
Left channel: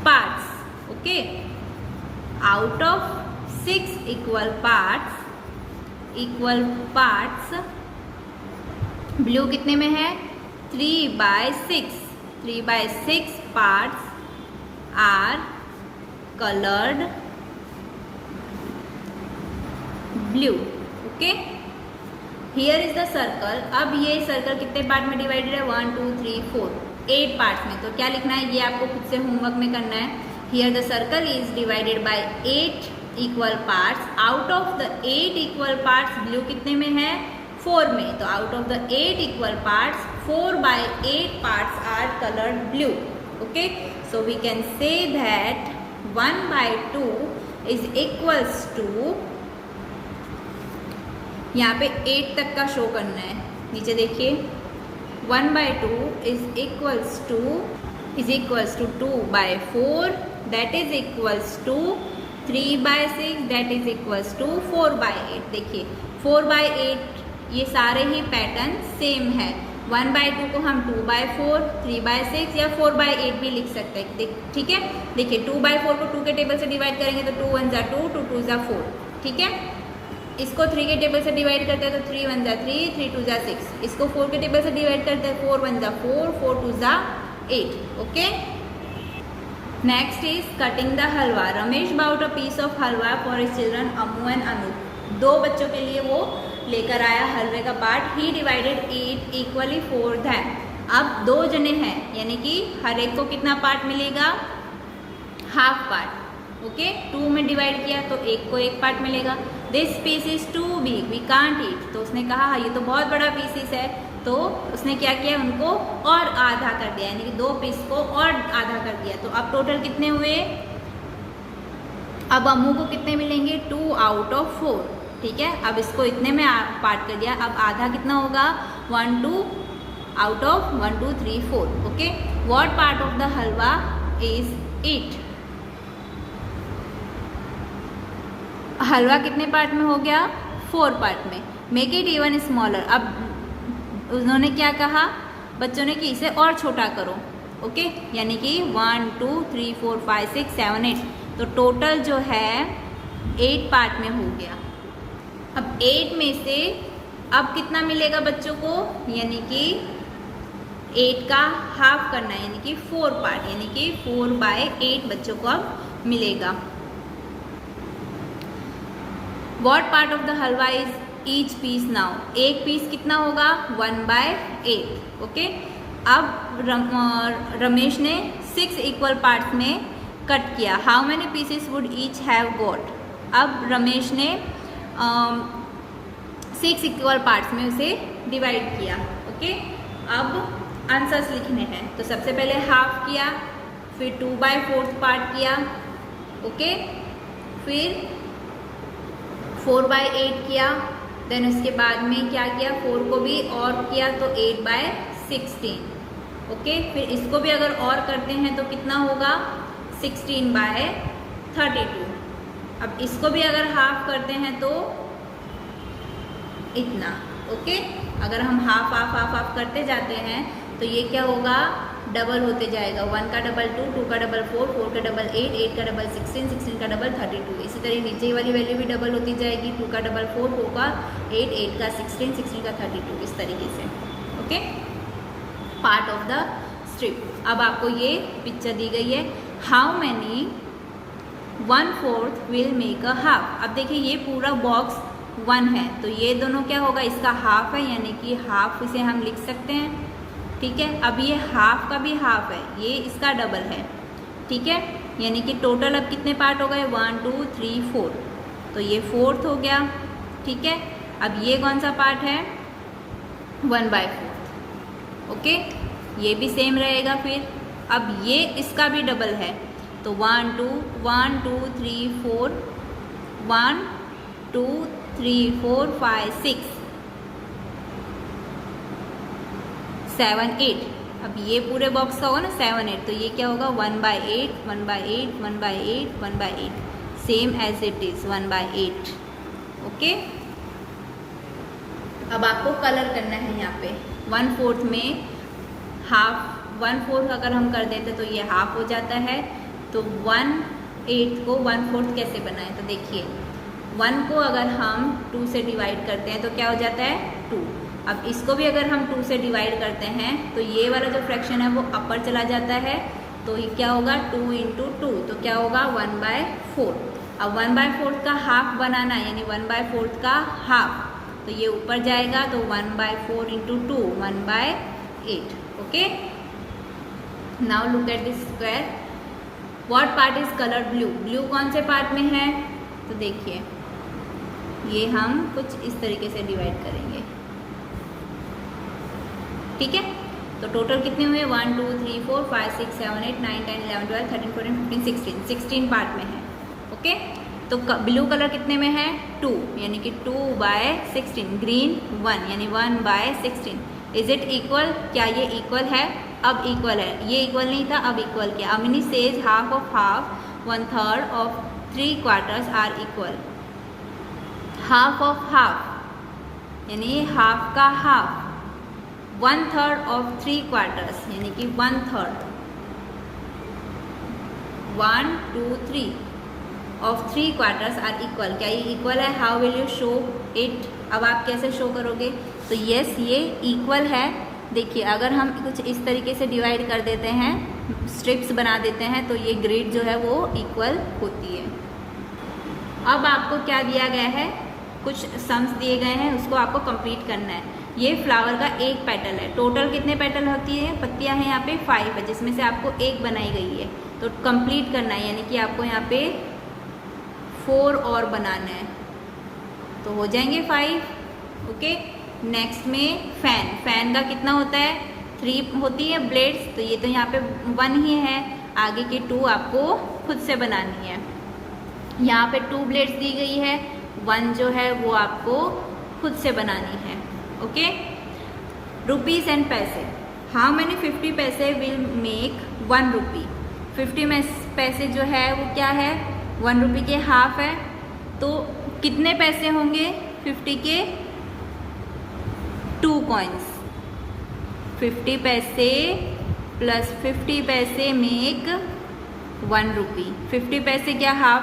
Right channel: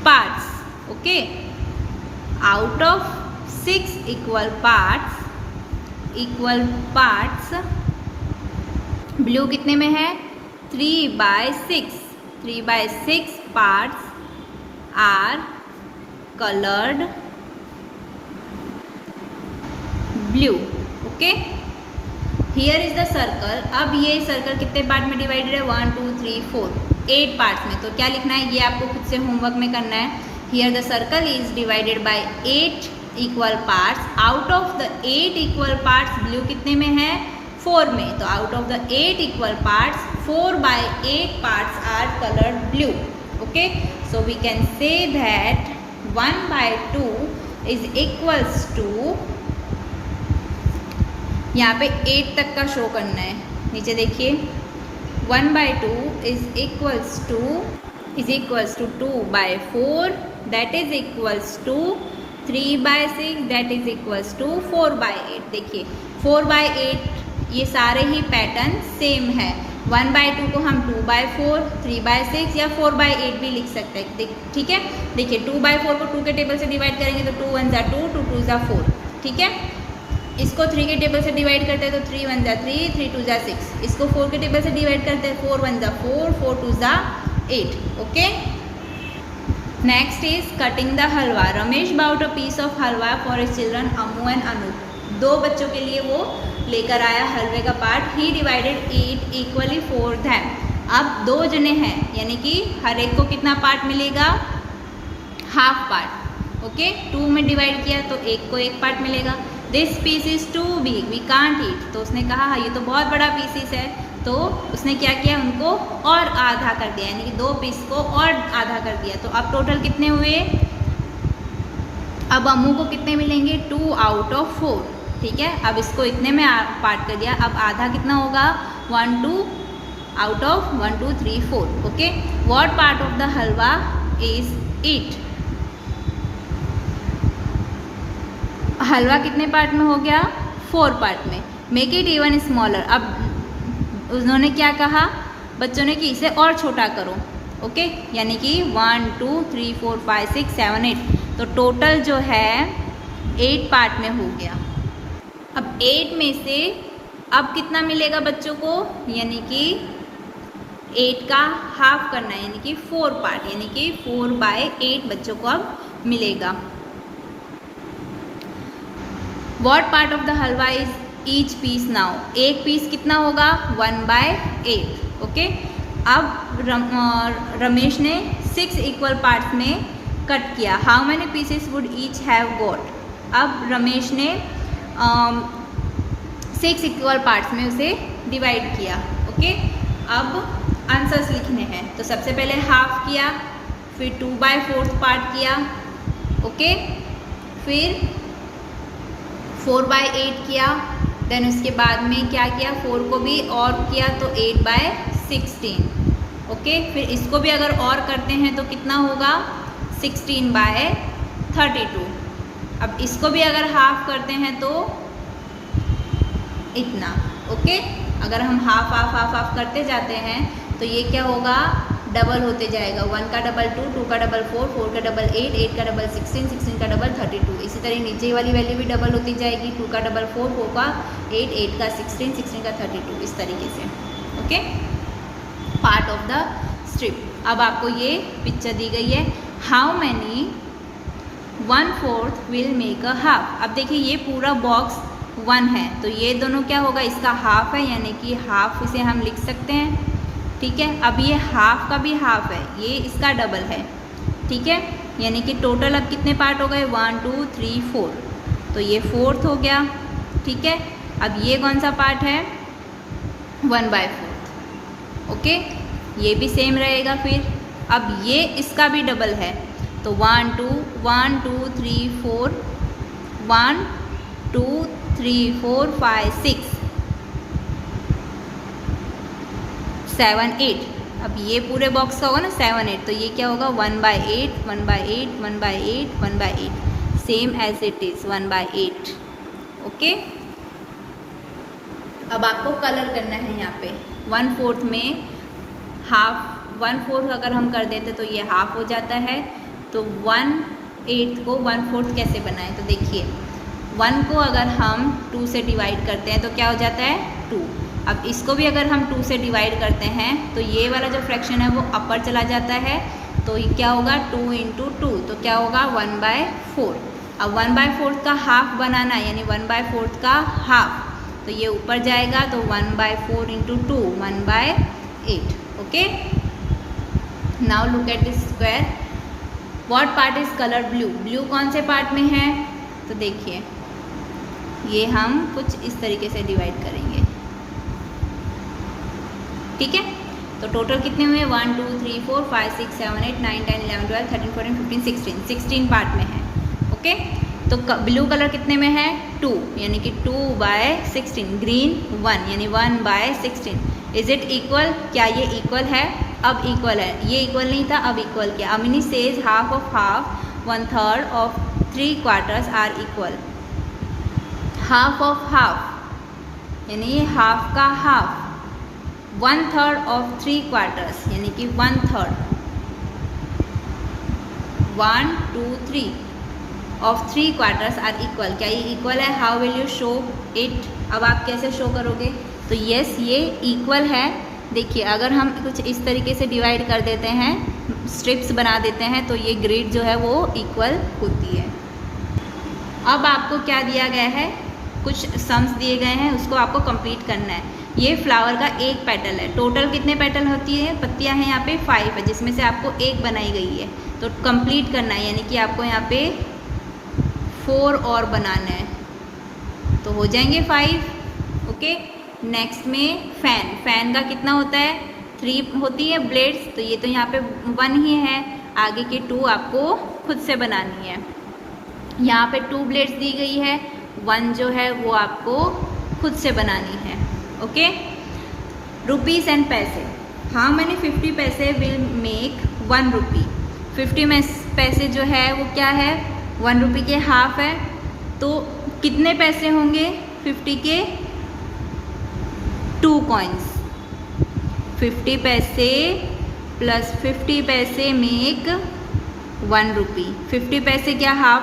parts, okay. Out of 6 equal parts blue कितने में है? 3/6। 3/6 parts are coloured blue, okay. Here is the circle. अब ये सर्कल कितने पार्ट में डिवाइडेड है? 1 2 3 4, 8 पार्ट्स में। तो क्या लिखना है? ये आपको खुद से होमवर्क में करना है। Here the circle is divided by 8 equal parts. Out of the 8 equal parts blue कितने में है? 4 में। तो out of the 8 equal parts 4/8 parts are coloured blue, okay. So we can say that 1/2 is equals to, यहाँ पे 8 तक का show करना है, नीचे देखिए, 1/2 is equals to 2/4, that is equals to 3/6 that is equals to 4/8। देखिए 4/8 ये सारे ही पैटर्न सेम है। 1/2 को हम 2/4, 3/6 या 4/8 भी लिख सकते हैं। ठीक है, देखिए 2/4 को 2 के टेबल से डिवाइड करेंगे तो 2 1 = 2, 2 2 = 4। ठीक है, इसको 3 के टेबल से डिवाइड करते हैं तो 3 1 = 3, 3 2 = 6। इसको 4 के टेबल से डिवाइड करते हैं 4 1 = 4, 4 2 = 8। Okay, next is cutting the halwa. Ramesh bought a piece of halwa for his children Amu and Anoop. 2 बच्चों के लिए वो लेकर आया हलवे का part. He divided it equally for them. अब 2 जने हैं यानी कि हर एक को कितना पार्ट मिलेगा? Half part. ओके, 2 में डिवाइड किया तो एक को एक पार्ट मिलेगा। This piece is too big we can't eat. तो उसने कहा ये तो बहुत बड़ा पीसीस है, तो उसने क्या किया, उनको और आधा कर दिया, यानी कि 2 पीस को और आधा कर दिया। तो अब टोटल कितने हुए? अब अम्मू को कितने मिलेंगे? 2 आउट ऑफ 4। ठीक है, अब इसको इतने में पार्ट कर दिया। अब आधा कितना होगा? 1 2 out of 1 2 3 4। Okay, what part of the halwa is it? हलवा कितने पार्ट में हो गया? 4 पार्ट में। Make it even smaller. अब उन्होंने क्या कहा बच्चों ने कि इसे और छोटा करो। ओके, यानी कि 1 2 3 4 5 6 7 8। तो टोटल जो है 8 पार्ट में हो गया। अब 8 में से अब कितना मिलेगा बच्चों को? यानी कि 8 का हाफ करना है, यानी कि 4 पार्ट, यानी कि 4/8 बच्चों को अब मिलेगा। What part of the halwa is each piece now? एक पीस कितना होगा? 1/8। ओके, अब रमेश ने 6 इक्वल पार्ट्स में कट किया। How many pieces would each have got? अब रमेश ने 6 इक्वल पार्ट्स में उसे डिवाइड किया। ओके, अब आंसर्स लिखने हैं। तो सबसे पहले हाफ किया, फिर 2/4 पार्ट किया। ओके, फिर 4/8 किया। देन उसके बाद में क्या किया? 4 को भी और किया तो 8/16। ओके, फिर इसको भी अगर और करते हैं तो कितना होगा? 16/32। अब इसको भी अगर हाफ करते हैं तो इतना। ओके, अगर हम हाफ करते जाते हैं तो ये क्या होगा? डबल होते जाएगा। 1 का डबल 2, 2 का डबल 4, 4 का डबल 8, 8 का डबल 16, 16 का डबल 32। इसी तरह नीचे वाली वैल्यू भी डबल होती जाएगी। 2 का डबल 4, 4 का 8, 8 का 16, 16 का 32, इस तरीके से। Okay, part of the strip. अब आपको ये पिक्चर दी गई है। How many 1/4 will make a half. अब देखिए ये पूरा बॉक्स 1 है, तो ये दोनों क्या होगा? इसका हाफ है, यानी कि हाफ इसे हम लिख सकते हैं। ठीक है, अब ये हाफ का भी हाफ है, ये इसका डबल है। ठीक है, यानी कि टोटल अब कितने पार्ट हो गए? 1 2 3 4। तो ये 4th हो गया। ठीक है, अब ये कौन सा पार्ट है? 1/4। ओके, ये भी सेम रहेगा। फिर अब ये इसका भी डबल है, तो 1 2 1 2 3 4 1 2 3 4 5 6 7 8। अब ये पूरे बॉक्स का होगा ना 7 8, तो ये क्या होगा? 1/8 1/8 1/8 1/8, same as it is 1/8। Okay, अब आपको कलर करना है यहाँ पे। 1/4 में हाफ 1/4 अगर हम कर देते तो ये हाफ हो जाता है। तो 1/8 को 1/4 कैसे बनाएं? तो देखिए 1 को अगर हम 2 से डिवाइड करते हैं तो क्या हो जाता है? 2। अब इसको भी अगर हम 2 से डिवाइड करते हैं तो ये वाला जो फ्रैक्शन है वो अपर चला जाता है, तो ये क्या होगा? 2 × 2, तो क्या होगा? 1/4। अब 1/4 का हाफ बनाना है, यानी 1/4 का हाफ, तो ये ऊपर जाएगा, तो 1/4 × 2 1/8। Okay, now look at this square. What part is colour blue? Blue कौन से पार्ट में है? तो देखिए ये हम कुछ इस तरीके से डिवाइड करेंगे। ठीक है, तो टोटल कितने हुए? 1 2 3 4 5 6 7 8 9 10 11 12 13 14 15 16 16 पार्ट में है। ओके, तो ब्लू कलर कितने में है? 2, यानी कि 2/16। ग्रीन 1, यानी 1/16। Is it equal? क्या ये इक्वल है? अब इक्वल है। ये इक्वल नहीं था, अब इक्वल किया। Amini says half of half 1/3 of 3 quarters are equal. Half of half यानी हाफ का हाफ, 1/3 of 3 quarters यानी कि 1/3, 1 2 3 of 3 quarters are equal. क्या ये इक्वल है? How will you show it? अब आप कैसे शो करोगे? तो यस, ये इक्वल है. देखिए, अगर हम कुछ इस तरीके से डिवाइड कर देते हैं, स्ट्रिप्स बना देते हैं, तो ये ग्रिड जो है वो इक्वल होती है. अब आपको क्या दिया गया है? कुछ सम्स दिए गए हैं, उसको आपको कंप्लीट करना है. ये फ्लावर का एक पेटल है. टोटल कितने पेटल होती है? पत्तियां हैं यहाँ पे 5 है, जिसमें से आपको एक बनाई गई है. तो कंप्लीट करना है, यानी कि आपको यहाँ पे 4 और बनाना है, तो हो जाएंगे 5. ओके. नेक्स्ट में फैन का कितना होता है? 3 होती है ब्लेड्स, तो ये तो यहाँ पे 1 ही है. आगे के 2 आपको खुद से बनानी है. यहाँ पे 2 ब्लेड्स दी गई है, 1 जो है वो आपको खुद से बनानी है. ओके. रुपीज़ एंड पैसे. हाउ मैनी 50 पैसे विल मेक 1 रुपी? 50 पैसे जो है वो क्या है? 1 रुपी के हाफ है. तो कितने पैसे होंगे 50 के? 2 कॉइन्स. 50 पैसे प्लस 50 पैसे मेक 1 रुपी. 50 पैसे क्या हाफ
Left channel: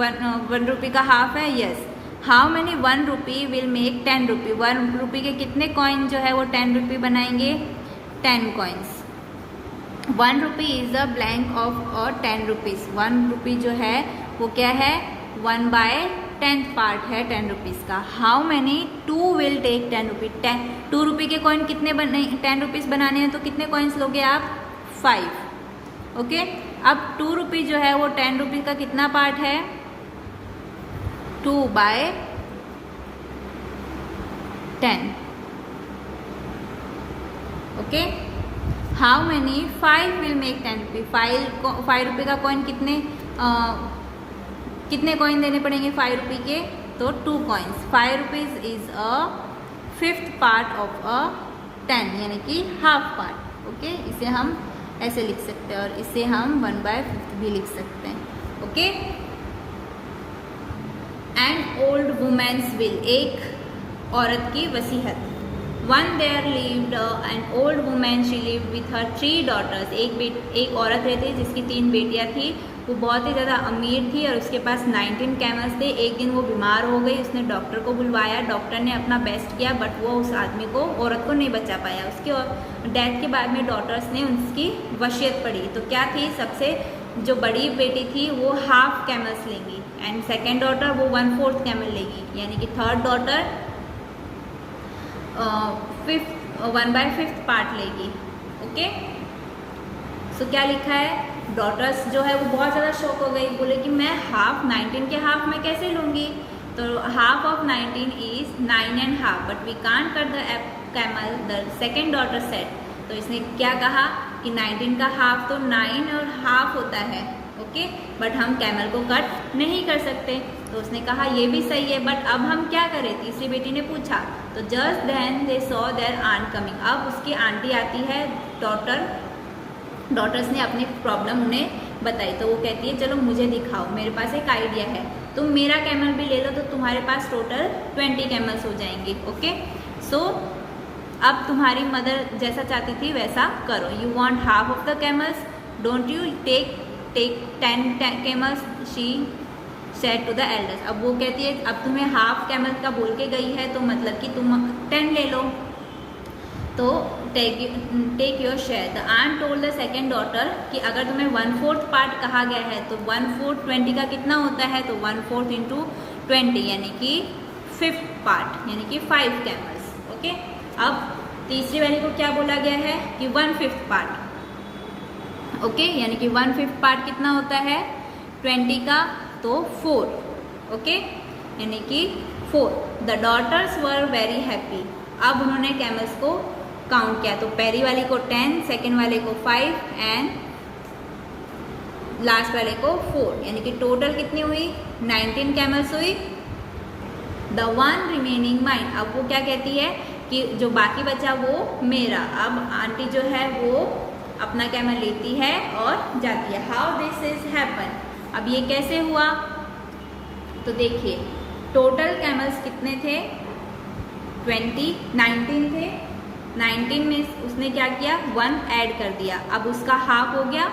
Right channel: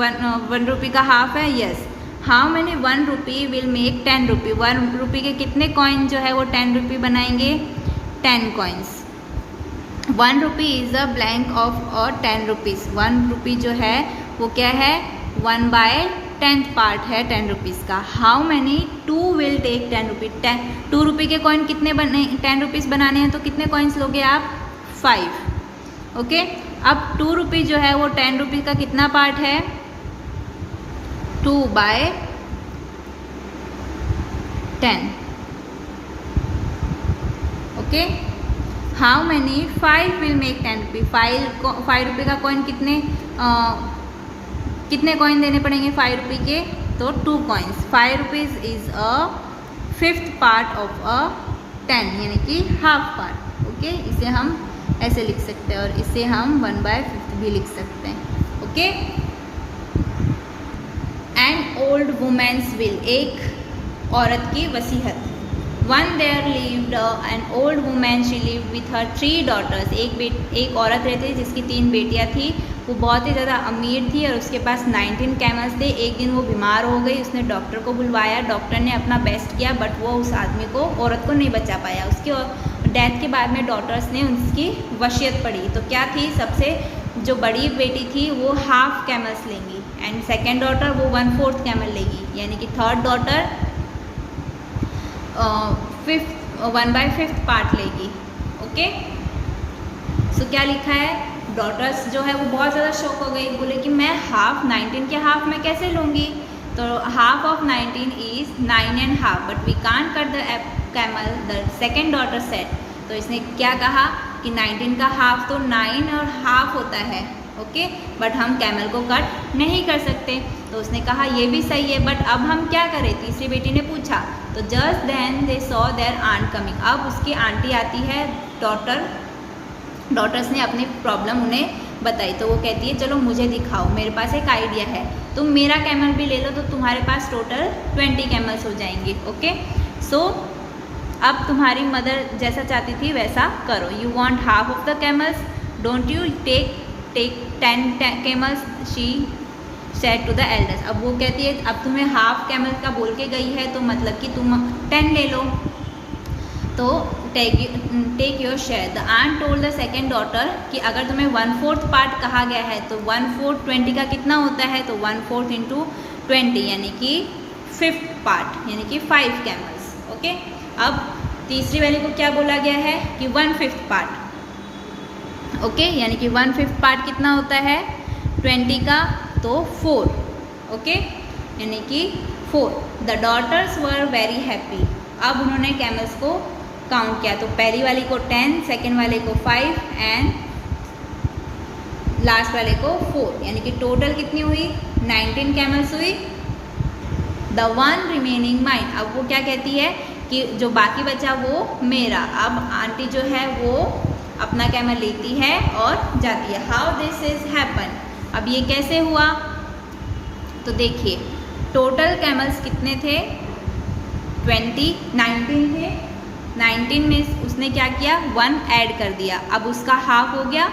1 रुपी का हाफ है? Yes. How many 1 rupee will make 10 रुपी? 1 रुपी के कितने कॉइन जो है वो 10 रुपी बनाएंगे? 10 coins. 1 rupee is a blank of 10 rupees. 1 रुपी जो है वो क्या है? 1/10 पार्ट है 10 रुपीज़ का. हाउ मैनी 2 विल टेक 10 रुपी? 2 रुपी के कॉइन कितने 10 रुपीज़ बनाने हैं, तो कितने कॉइन्स लोगे आप? 5. ओके. अब 2 रुपी जो है वो 10 रुपी का कितना पार्ट है? 2/10. Okay. How many 5 will make 10 रुपी? 5 रुपये का कॉइन कितने कॉइन देने पड़ेंगे 5 रुपी के? तो 2 coins. 5 rupees is a 5th part of 10, यानी कि हाफ पार्ट. ओके. इसे हम ऐसे लिख सकते हैं, और इसे हम 1/5 भी लिख सकते हैं. Okay. An old women's will. एक औरत की वसीहत. One there lived an old woman. She lived with her 3 daughters. एक औरत रहती थी जिसकी 3 बेटियां थी. वो बहुत ही ज़्यादा अमीर थी और उसके पास 19 कैमल्स थे. एक दिन वो बीमार हो गई. उसने डॉक्टर को बुलवाया. डॉक्टर ने अपना बेस्ट किया, बट वो उस आदमी को, औरत को नहीं बचा पाया. उसकी डेथ के बाद में डॉटर्स ने उसकी वसीयत पढ़ी. तो क्या थी? सबसे जो बड़ी बेटी थी वो हाफ कैमल्स लेंगी, एंड सेकेंड डॉटर वो 1/4 कैमल लेगी, यानी कि थर्ड डॉटर 1/5 पार्ट लेगी. ओके. सो क्या लिखा है? डॉटर्स जो है वो बहुत ज़्यादा शॉक हो गई. बोले कि मैं हाफ 19 के हाफ में कैसे लूँगी? तो half of 19 is 9.5, but we can't cut the camel. The second daughter said. तो इसने क्या कहा कि 19 का हाफ तो 9 और हाफ होता है. ओके. बट हम कैमल को कट नहीं कर सकते. तो उसने कहा ये भी सही है, बट अब हम क्या करें? तीसरी बेटी ने पूछा. तो just then they saw their aunt coming. अब उसकी आंटी आती है. डॉटर्स ने अपनी प्रॉब्लम उन्हें बताई. तो वो कहती है चलो मुझे दिखाओ, मेरे पास एक आइडिया है. तुम मेरा कैमल भी ले लो, तो तुम्हारे पास टोटल 20 कैमल्स हो जाएंगे. ओके. सो अब तुम्हारी मदर जैसा चाहती थी वैसा करो. You want half of the camels, don't you take 10 camels, she said to the elders. अब वो कहती है अब तुम्हें हाफ कैमल का बोल के गई है, तो मतलब कि तुम 10 ले लो. तो take your share. The aunt told the second daughter कि अगर तुम्हें 1/4 पार्ट कहा गया है, तो 1/4 20 का कितना होता है? तो 1/4 इंटू 20, यानी कि 5th पार्ट, यानी कि 5 कैमल्स. ओके. अब तीसरी वाली को क्या बोला गया है कि 1/5 पार्ट. ओके. यानी कि 1/5 पार्ट कितना होता है 20 का? तो 4. ओके. यानी कि 4. The daughters were very happy. अब उन्होंने कैमल्स को काउंट किया. तो पहली वाली को 10, सेकेंड वाले को 5 एंड लास्ट वाले को 4, यानी कि टोटल कितनी हुई? 19 कैमल्स हुई. The one remaining mine. अब वो क्या कहती है कि जो बाकी बचा वो मेरा. अब आंटी जो है वो अपना कैमल लेती है और जाती है. How this is happen? अब ये कैसे हुआ, तो देखिए टोटल कैमल्स कितने थे, 19 थे। 19 में उसने क्या किया, 1 ऐड कर दिया, अब उसका हाफ हो गया,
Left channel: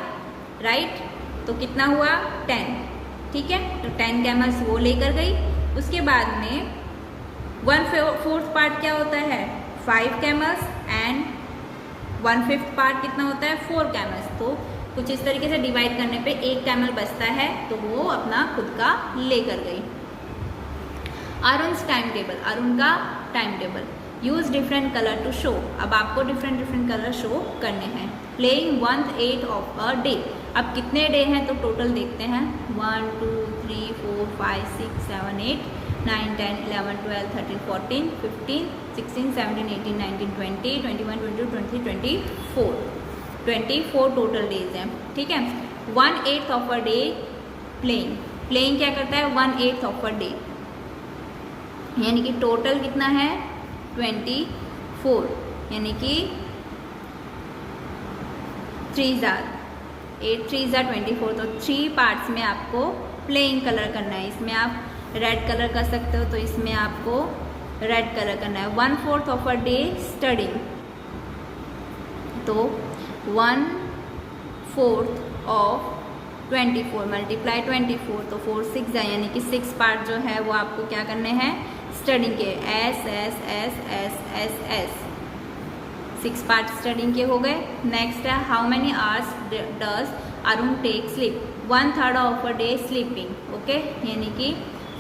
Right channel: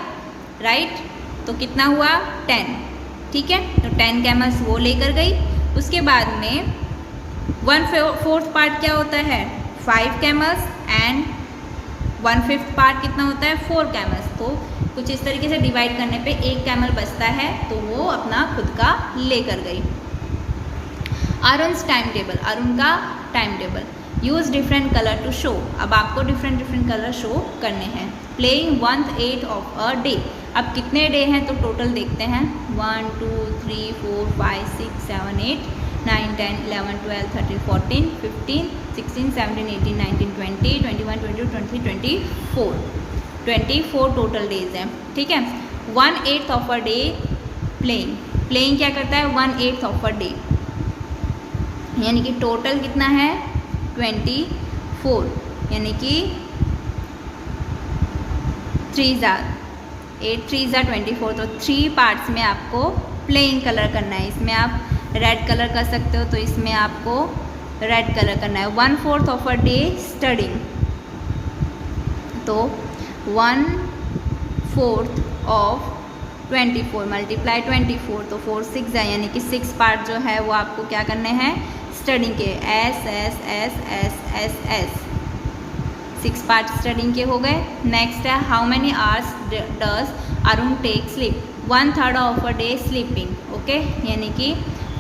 राइट। तो कितना हुआ, 10, ठीक है। तो 10 कैमल्स वो लेकर गई। उसके बाद में 1/4 पार्ट क्या होता है, 5 कैमल्स, एंड 1/5 पार्ट कितना होता है, 4 कैमल्स। तो कुछ इस तरीके से डिवाइड करने पे 1 कैमल बचता है, तो वो अपना खुद का लेकर गई। अरुण's टाइम टेबल, अरुण का time table, use different colour to show. अब आपको डिफरेंट कलर शो करने हैं। प्लेइंग 1/8 ऑफ अ डे, अब कितने डे हैं तो टोटल देखते हैं, 1 2 3 4 5 6 7 8 9 10 11 12 13 14 15 16 17 18 19 20 21 22 23 24 टोटल डेज हैं, ठीक है। 1/8 of a day playing, playing क्या करता है, 1/8 ऑफ अ डे, यानी कि टोटल कितना है 24, यानी कि 3 8 3 24। तो 3 पार्ट्स में आपको प्लेइंग कलर करना है। इसमें आप रेड कलर कर सकते हो, तो इसमें आपको रेड कलर करना है। 1/4 ऑफ अ डे स्टडिंग, तो 1/4 ऑफ 24 मल्टीप्लाई 24, तो 4 6 है, यानी कि 6 पार्ट जो है वो आपको क्या करने हैं, स्टडिंग के, S S S S S S 6 part studying के हो गए। नेक्स्ट है, how many hours does Arun take sleep, 1/3 of a day sleeping, okay, यानी कि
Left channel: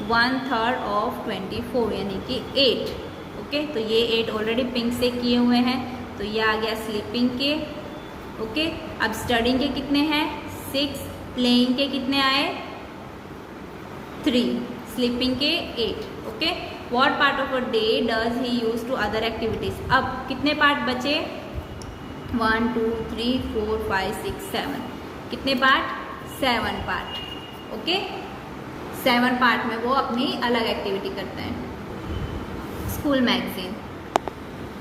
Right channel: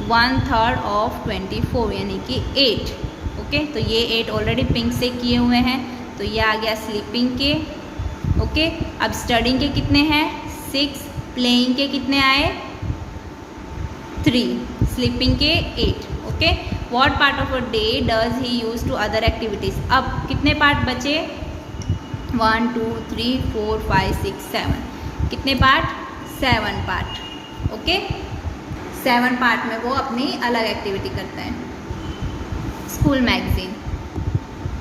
1/3 ऑफ 24, यानी कि 8, ओके। तो ये 8 ऑलरेडी पिंक से किए हुए हैं, तो ये आ गया स्लीपिंग के, ओके। अब स्टडिंग के कितने हैं, 6, प्लेइंग के कितने आए, 3, स्लीपिंग के 8, okay. What part of a day does he use to other activities, अब कितने पार्ट बचे, 1 2 3 4 5 6 7, कितने पार्ट, 7 पार्ट, ओके। 7 पार्ट में वो अपनी अलग एक्टिविटी करता है। School magazine,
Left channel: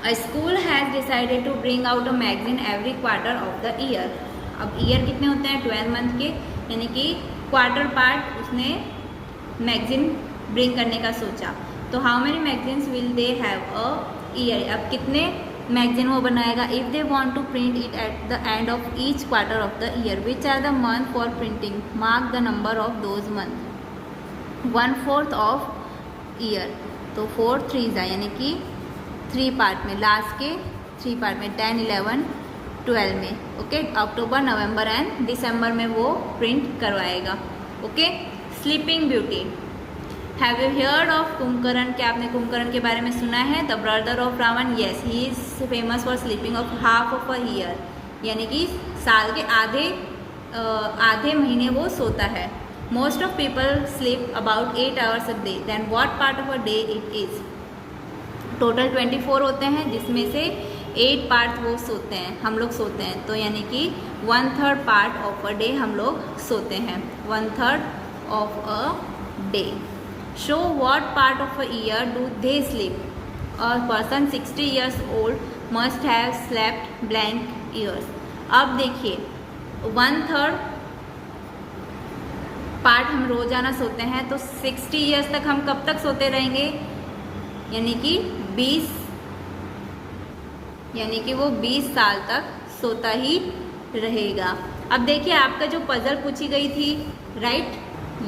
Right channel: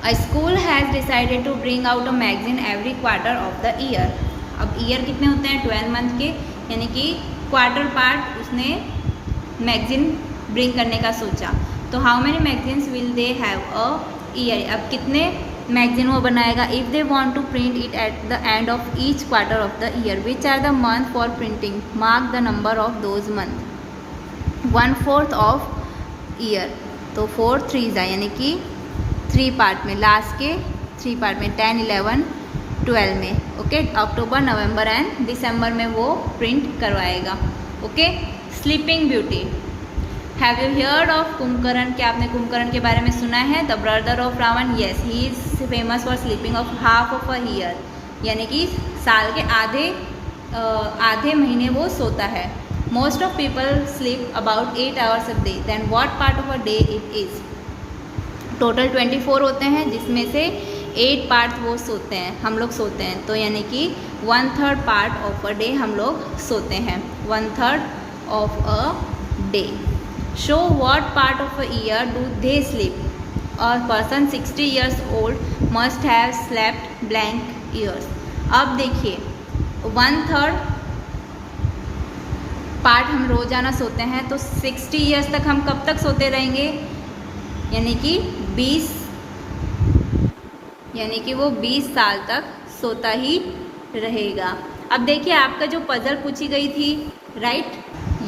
a school has decided to bring out a magazine every quarter of the year. अब ईयर कितने होते हैं, 12 मंथ के, यानी कि क्वार्टर पार्ट उसने मैगजीन ब्रिंग करने का सोचा। तो how many magazines will they have a year, अब कितने मैगजीन वो बनाएगा, if they want to print it at the end of each quarter of the year, which are the month for printing, mark the number of those month. 1/4 of year, तो 4 3 यानी कि 3 part में, last के 3 part में, 10 11 12 में, okay. October November and दिसंबर में वो print करवाएगा, okay. Sleeping beauty, have you heard of Kumbhakarna, क्या आपने कुंभकर्ण के बारे में सुना है, the brother of Ravan, yes, he is famous for sleeping of half of a year, यानी कि साल के आधे महीने वो सोता है। Most of people sleep about 8 hours a day, then what part of a day it is, total 24 होते हैं, जिसमें से 8 पार्ट वो सोते हैं, हम लोग सोते हैं, तो यानी कि 1/3 पार्ट ऑफ अ डे हम लोग सोते हैं, 1/3 of a day. Show what part of a year do they sleep, a person 60 years old must have slept blank years. अब देखिए 1/3 पार्ट हम रोजाना सोते हैं, तो 60 years तक हम कब तक सोते रहेंगे, यानी कि 20, यानी कि वो 20 साल तक सोता ही रहेगा। अब देखिए आपका जो पजल पूछी गई थी, राइट,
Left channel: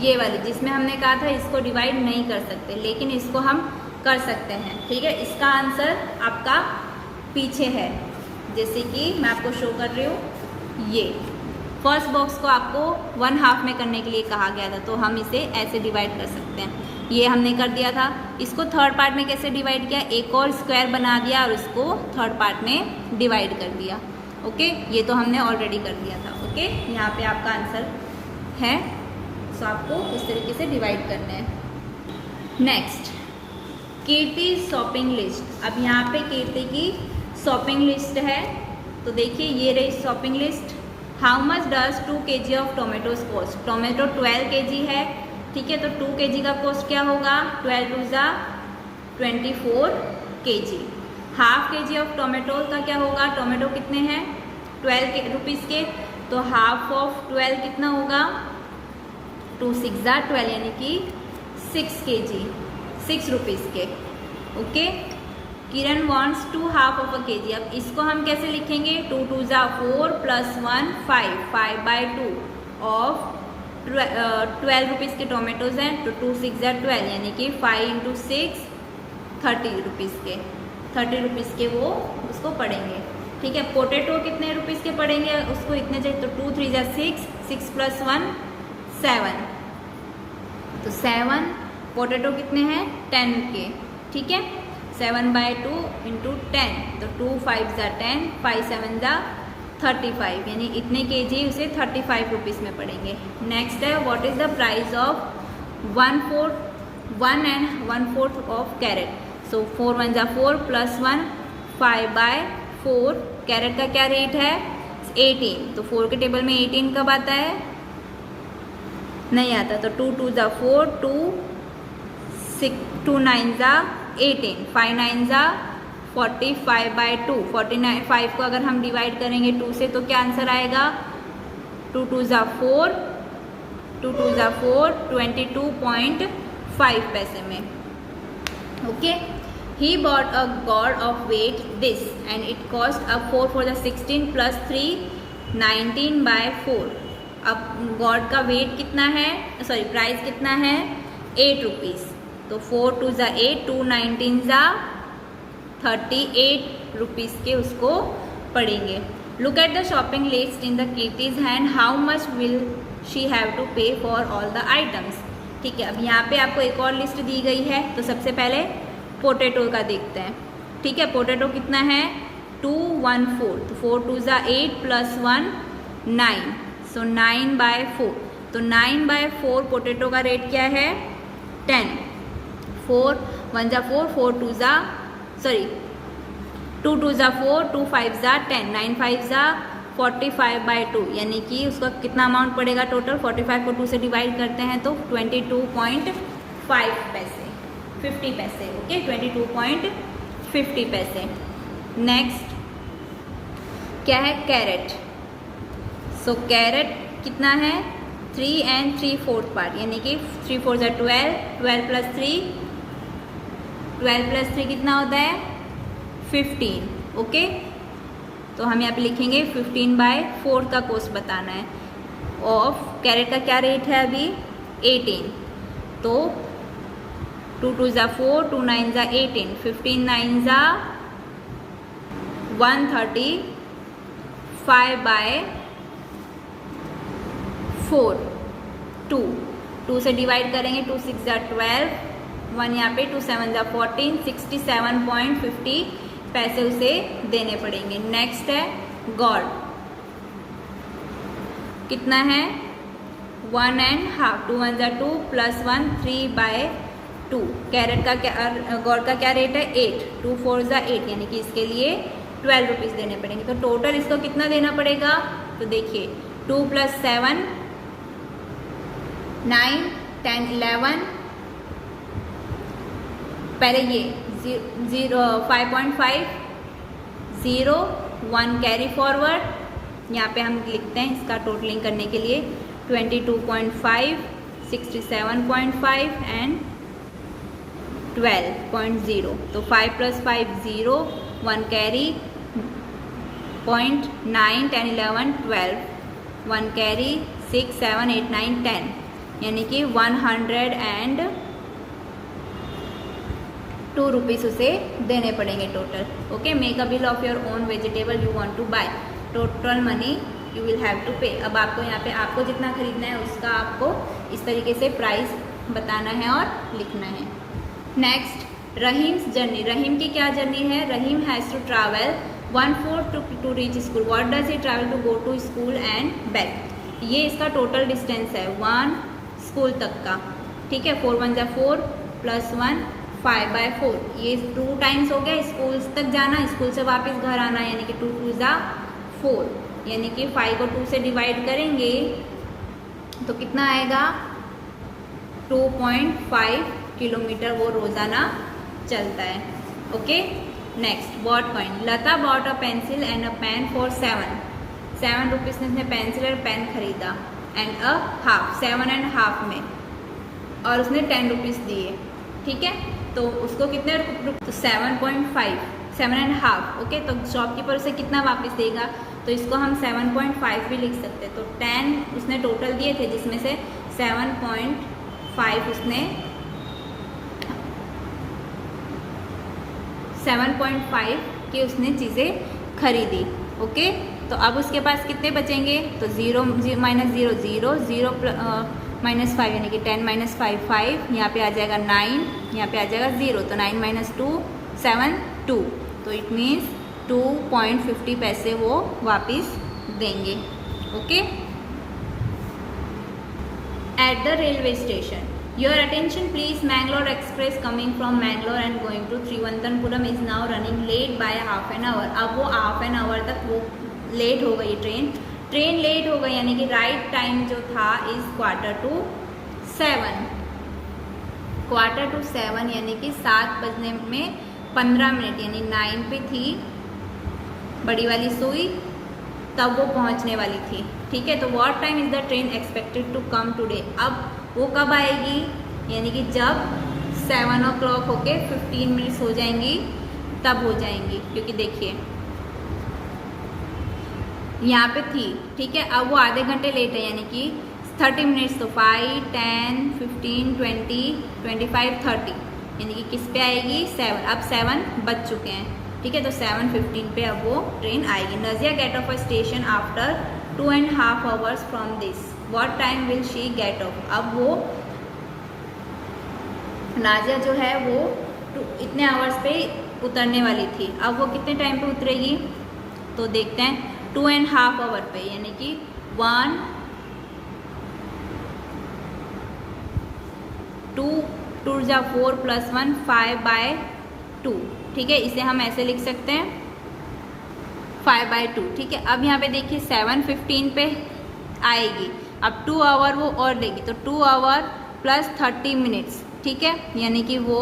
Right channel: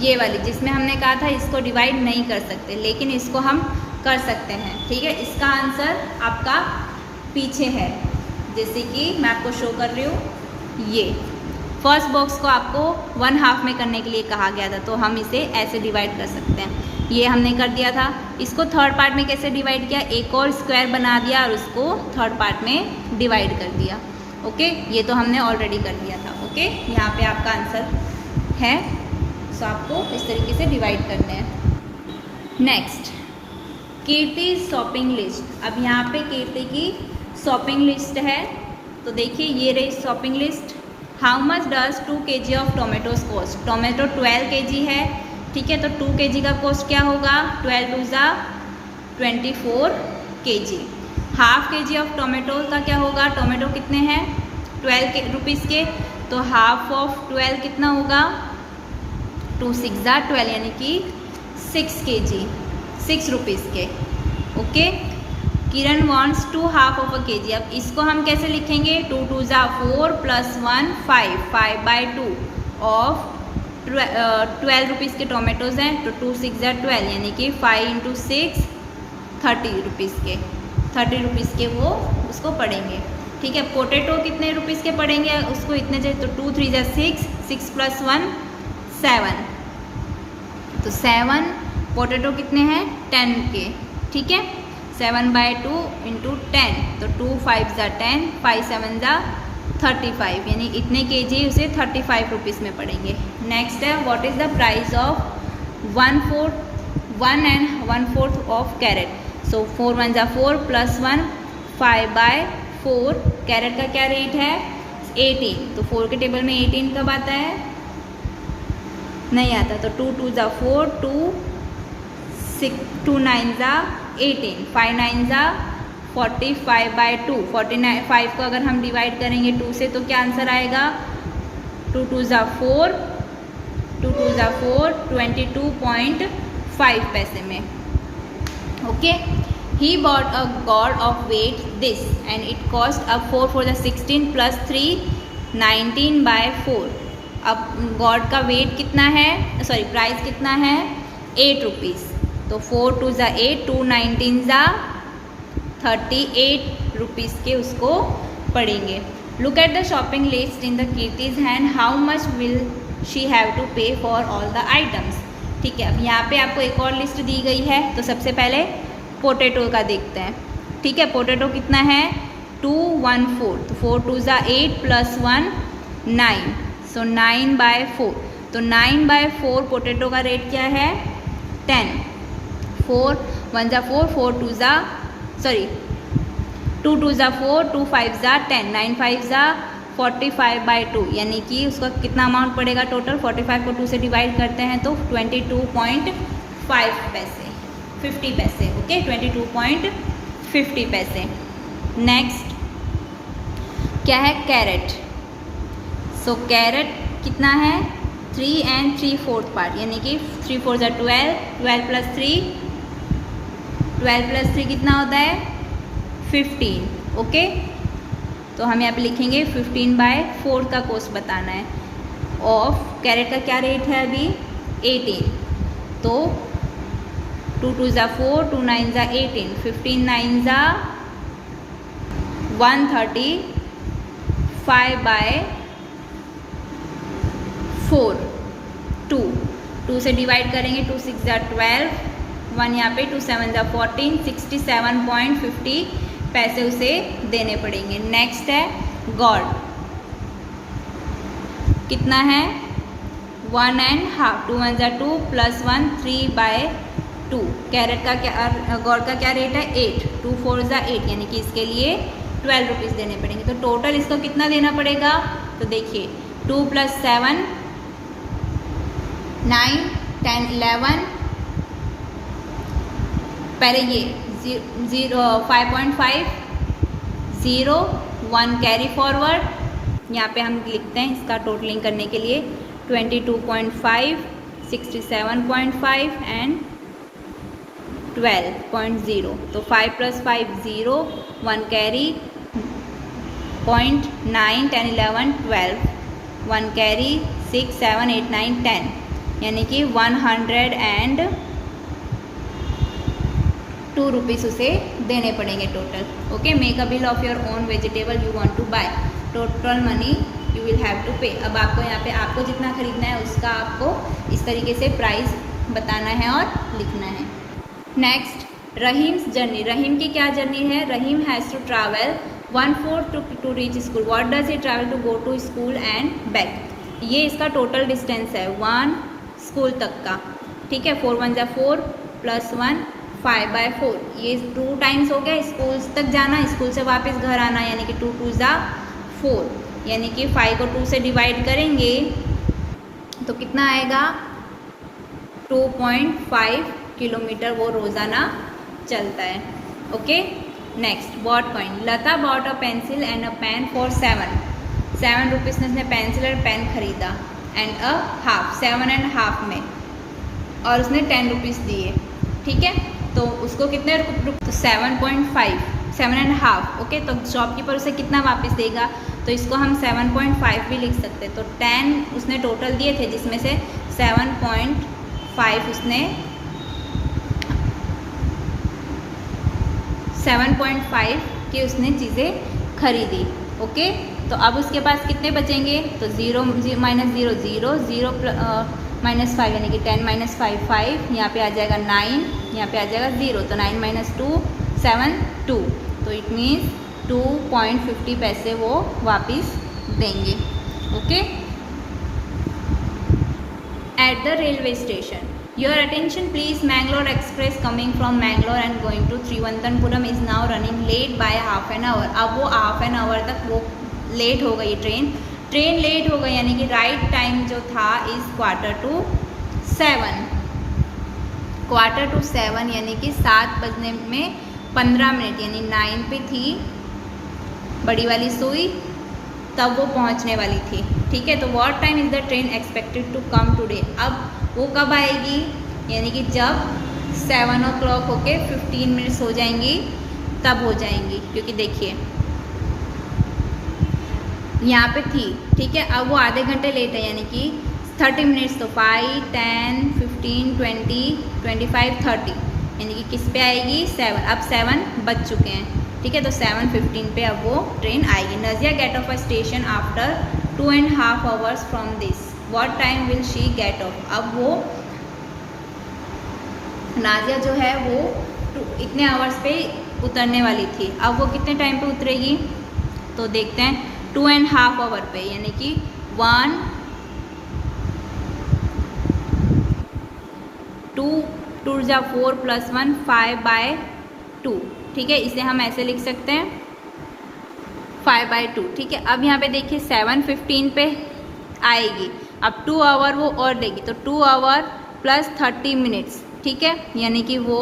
ये वाली, जिसमें हमने कहा था इसको डिवाइड नहीं कर सकते, लेकिन इसको हम कर सकते हैं, ठीक है। इसका आंसर आपका पीछे है, जैसे कि मैं आपको शो कर रही हूँ। ये फर्स्ट बॉक्स को आपको 1/2 में करने के लिए कहा गया था, तो हम इसे ऐसे डिवाइड कर सकते हैं, ये हमने कर दिया था। इसको 3rd पार्ट में कैसे डिवाइड किया, एक और स्क्वायर बना दिया और उसको 3rd पार्ट में डिवाइड कर दिया, ओके। ये तो हमने ऑलरेडी कर दिया था, ओके। यहाँ पे आपका आंसर है, सो आपको इस तरीके से डिवाइड करना है। नेक्स्ट, कीर्ति शॉपिंग लिस्ट। अब यहाँ पे कीर्ति की शॉपिंग लिस्ट है, तो देखिए ये रही shopping list. How much does 2 kg of tomatoes cost, tomato 12 kg है, ठीक है। तो 2 kg का कॉस्ट क्या होगा, 12 × 24 kg। Half kg of tomato का क्या होगा, टोमेटो कितने हैं 12 रुपीज़ के, तो हाफ ऑफ 12 कितना होगा 2 6 12 यानी कि 6 kg, 6 रुपीज़ के। Okay, Kiran wants 2 half of a kg। अब इसको हम कैसे लिखेंगे, 2 2 4 + 1 5, 5/2 ऑफ 12 रुपीज़ के टोमेटोज़ हैं, तो 2 6 12 यानी कि 5 × 6 30 रुपीज़ के, 30 रुपीज़ के वो उसको पड़ेंगे। ठीक है, पोटैटो कितने रुपीज़ के पड़ेंगे उसको इतने जो, तो 2 3 6, 6 + 1 7, तो 7 पोटैटो कितने हैं 10 के। ठीक है, 7/2 × 10, तो 2 5 10, 5 7 35, यानी इतने kg उसे 35 रुपीज़ में पड़ेंगे। नेक्स्ट है, what is the price of 1 and 1/4 of carrot. So 4 1 4 + 1 5/4, carrot का क्या रेट है 18, तो 4 के टेबल में 18 कब आता है, नहीं आता, तो 2 2 4, 2 9 18, 5 9 45/2, 49 5 को अगर हम डिवाइड करेंगे 2 से तो क्या आंसर आएगा, 2 2 4, 2 2 4, 22.5 पैसे में। Okay, he bought a gourd of weight this and it cost a 4 for the 16 + 3 19/4। अब गॉड का वेट कितना है, सॉरी प्राइस कितना है 8 रुपीज़, तो 4 2 8, 2 19 38 रुपीज़ के उसको पड़ेंगे। Look at the shopping list in the Kirti's hand, how much will she have to pay for all the items. ठीक है, अब यहाँ पे आपको एक और लिस्ट दी गई है, तो सबसे पहले पोटैटो का देखते हैं। ठीक है, पोटैटो कितना है 2 1 4, तो 4 2 8 + 1 9, सो 9/4, तो 9/4 पोटैटो का रेट क्या है 10, 4 1 4, 4 2 सॉरी 2 2 4, 2 5 10, 9 5 45/2, यानी कि उसका कितना अमाउंट पड़ेगा टोटल, 45 को 2 से डिवाइड करते हैं तो 22.5 पैसे, 50 पैसे। ओके, 22.50 पैसे। नेक्स्ट क्या है कैरेट। सो कैरेट कितना है 3 3/4 पार्ट, यानी कि 3 4 12, 12 + 3, 12 + 3 कितना होता है 15। ओके, तो हम यहाँ पे लिखेंगे 15/4 का कॉस्ट बताना है। ऑफ कैरेट का क्या रेट है अभी 18, तो 2 2 4, 2 9 18, 15 9 135/4, 2 से डिवाइड करेंगे, 2 6 12, 1 यहाँ पे, 2 7 14, 67.50 पैसे उसे देने पड़ेंगे। नेक्स्ट है गॉड, कितना है 1 1/2, 2 1 2 + 1 3/2। कैरेट का क्या, गॉड का क्या रेट है 8, 2 4 8, यानी कि इसके लिए 12 रुपीज़ देने पड़ेंगे। तो टोटल इसको कितना देना पड़ेगा, तो देखिए 2 + 7 9 10 11, पहले ये 5.5 0 1 कैरी फॉरवर्ड, यहाँ पे हम लिखते हैं इसका टोटलिंग करने के लिए 22.5, 67.5 एंड 12.0, तो 5 + 5 0, 1 कैरी 0.9 10 11 12, 1 कैरी 6 7 8 9 10, यानी कि 102 रुपीज़ उसे देने पड़ेंगे total. Okay, make a bill of your own vegetable you want to buy, total money you will have to pay. अब आपको यहाँ पे आपको जितना खरीदना है उसका आपको इस तरीके से प्राइस बताना है और लिखना है। नेक्स्ट रहीम्स जर्नी, रहीम की क्या जर्नी है, Rahim has to travel 1/4 to reach school, what does he travel to go to school and back. ये इसका टोटल डिस्टेंस है 1 स्कूल तक का। ठीक है, 4 1 4 + 1 5/4, ये 2 टाइम्स हो गया स्कूल तक जाना, स्कूल से वापस घर आना, यानी कि 2 2 4, यानी कि 5 को 2 से डिवाइड करेंगे तो कितना आएगा 2.5 किलोमीटर वो रोज़ाना चलता है। Okay, next bought point, Lata bought a pencil and a pen for 7 rupees ने पेंसिल और पेन खरीदा। एंड अ हाफ, 7.5 में, और उसने 10 रुपीज़ दिए, ठीक है। तो उसको कितने तो 7.5, 7.5, ओके। तो शॉपकीपर उसे कितना वापस देगा, तो इसको हम 7.5 भी लिख सकते हैं। तो 10 उसने टोटल दिए थे, जिसमें से 7.5 उसने 7.5 की उसने चीज़ें खरीदी, ओके। तो अब उसके पास कितने बचेंगे, तो 0 माइनस 0 0 0 माइनस 5 यानी कि 10 माइनस 5 5, यहाँ पे आ जाएगा 9, यहाँ पे आ जाएगा 0, तो 9 माइनस 2 7 2, तो इट मीन्स 2.50 पैसे वो वापस देंगे, okay. At the railway station, your attention please, Mangalore express coming from Mangalore and going to Thiruvananthapuram is now running late by half an hour. अब वो हाफ एन आवर तक वो लेट हो गई, ट्रेन लेट हो गई, यानी कि राइट टाइम जो था इज़ 6:45, 6:45 यानी कि 7 बजने में 15 मिनट, यानी 9 पे थी बड़ी वाली सुई, तब वो पहुंचने वाली थी, ठीक है। तो what time is the train expected to come today, अब वो कब आएगी, यानी कि जब 7 o'clock होके 15 मिनट्स हो जाएंगी तब हो जाएंगी, क्योंकि देखिए यहाँ पे थी, ठीक है। अब वो आधे घंटे लेट है, यानी कि 30 मिनट्स, तो 5 10 15 20 25 30, यानी कि किस पे आएगी 7, अब 7 बज चुके हैं, ठीक है। तो 7:15 पे अब वो ट्रेन आएगी। Nazia get off a station after 2.5 hours from this, what time will she get off, अब वो नाजिया जो है वो इतने आवर्स पे उतरने वाली थी, अब वो कितने टाइम पे उतरेगी, तो देखते हैं 2.5 hour पे, यानी कि 1 2 2 जा 4 + 1 5/2, ठीक है। इसे हम ऐसे लिख सकते हैं 5/2, ठीक है। अब यहाँ पे देखिए 7:15 पे आएगी, अब 2 hour वो और देगी, तो 2 hour + 30 मिनट्स, ठीक है, यानी कि वो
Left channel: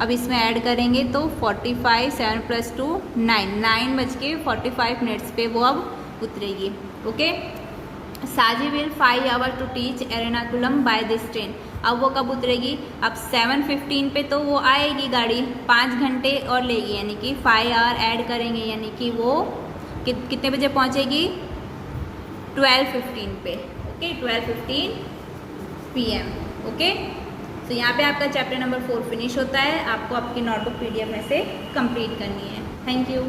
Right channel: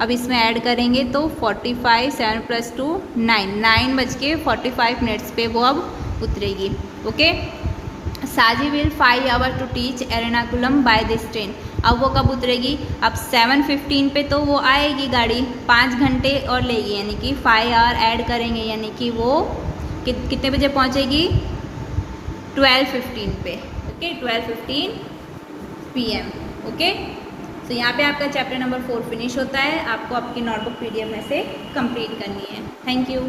अब इसमें ऐड करेंगे तो 45, 7 + 2 9 बज के 45 पे वो अब उतरेगी, okay. Saji will 5 hour to teach Ernakulam by this train, अब वो कब उतरेगी, अब 7:15 पे तो वो आएगी गाड़ी, 5 घंटे और लेगी, यानी कि 5 hour ऐड करेंगे, यानी कि वो कितने बजे पहुंचेगी 12:15 पे, ओके, 12:15 PM, ओके। तो यहाँ पे आपका चैप्टर नंबर 4 फिनिश होता है, आपको आपकी नोटबुक PDF में से कंप्लीट करनी है। Thank you.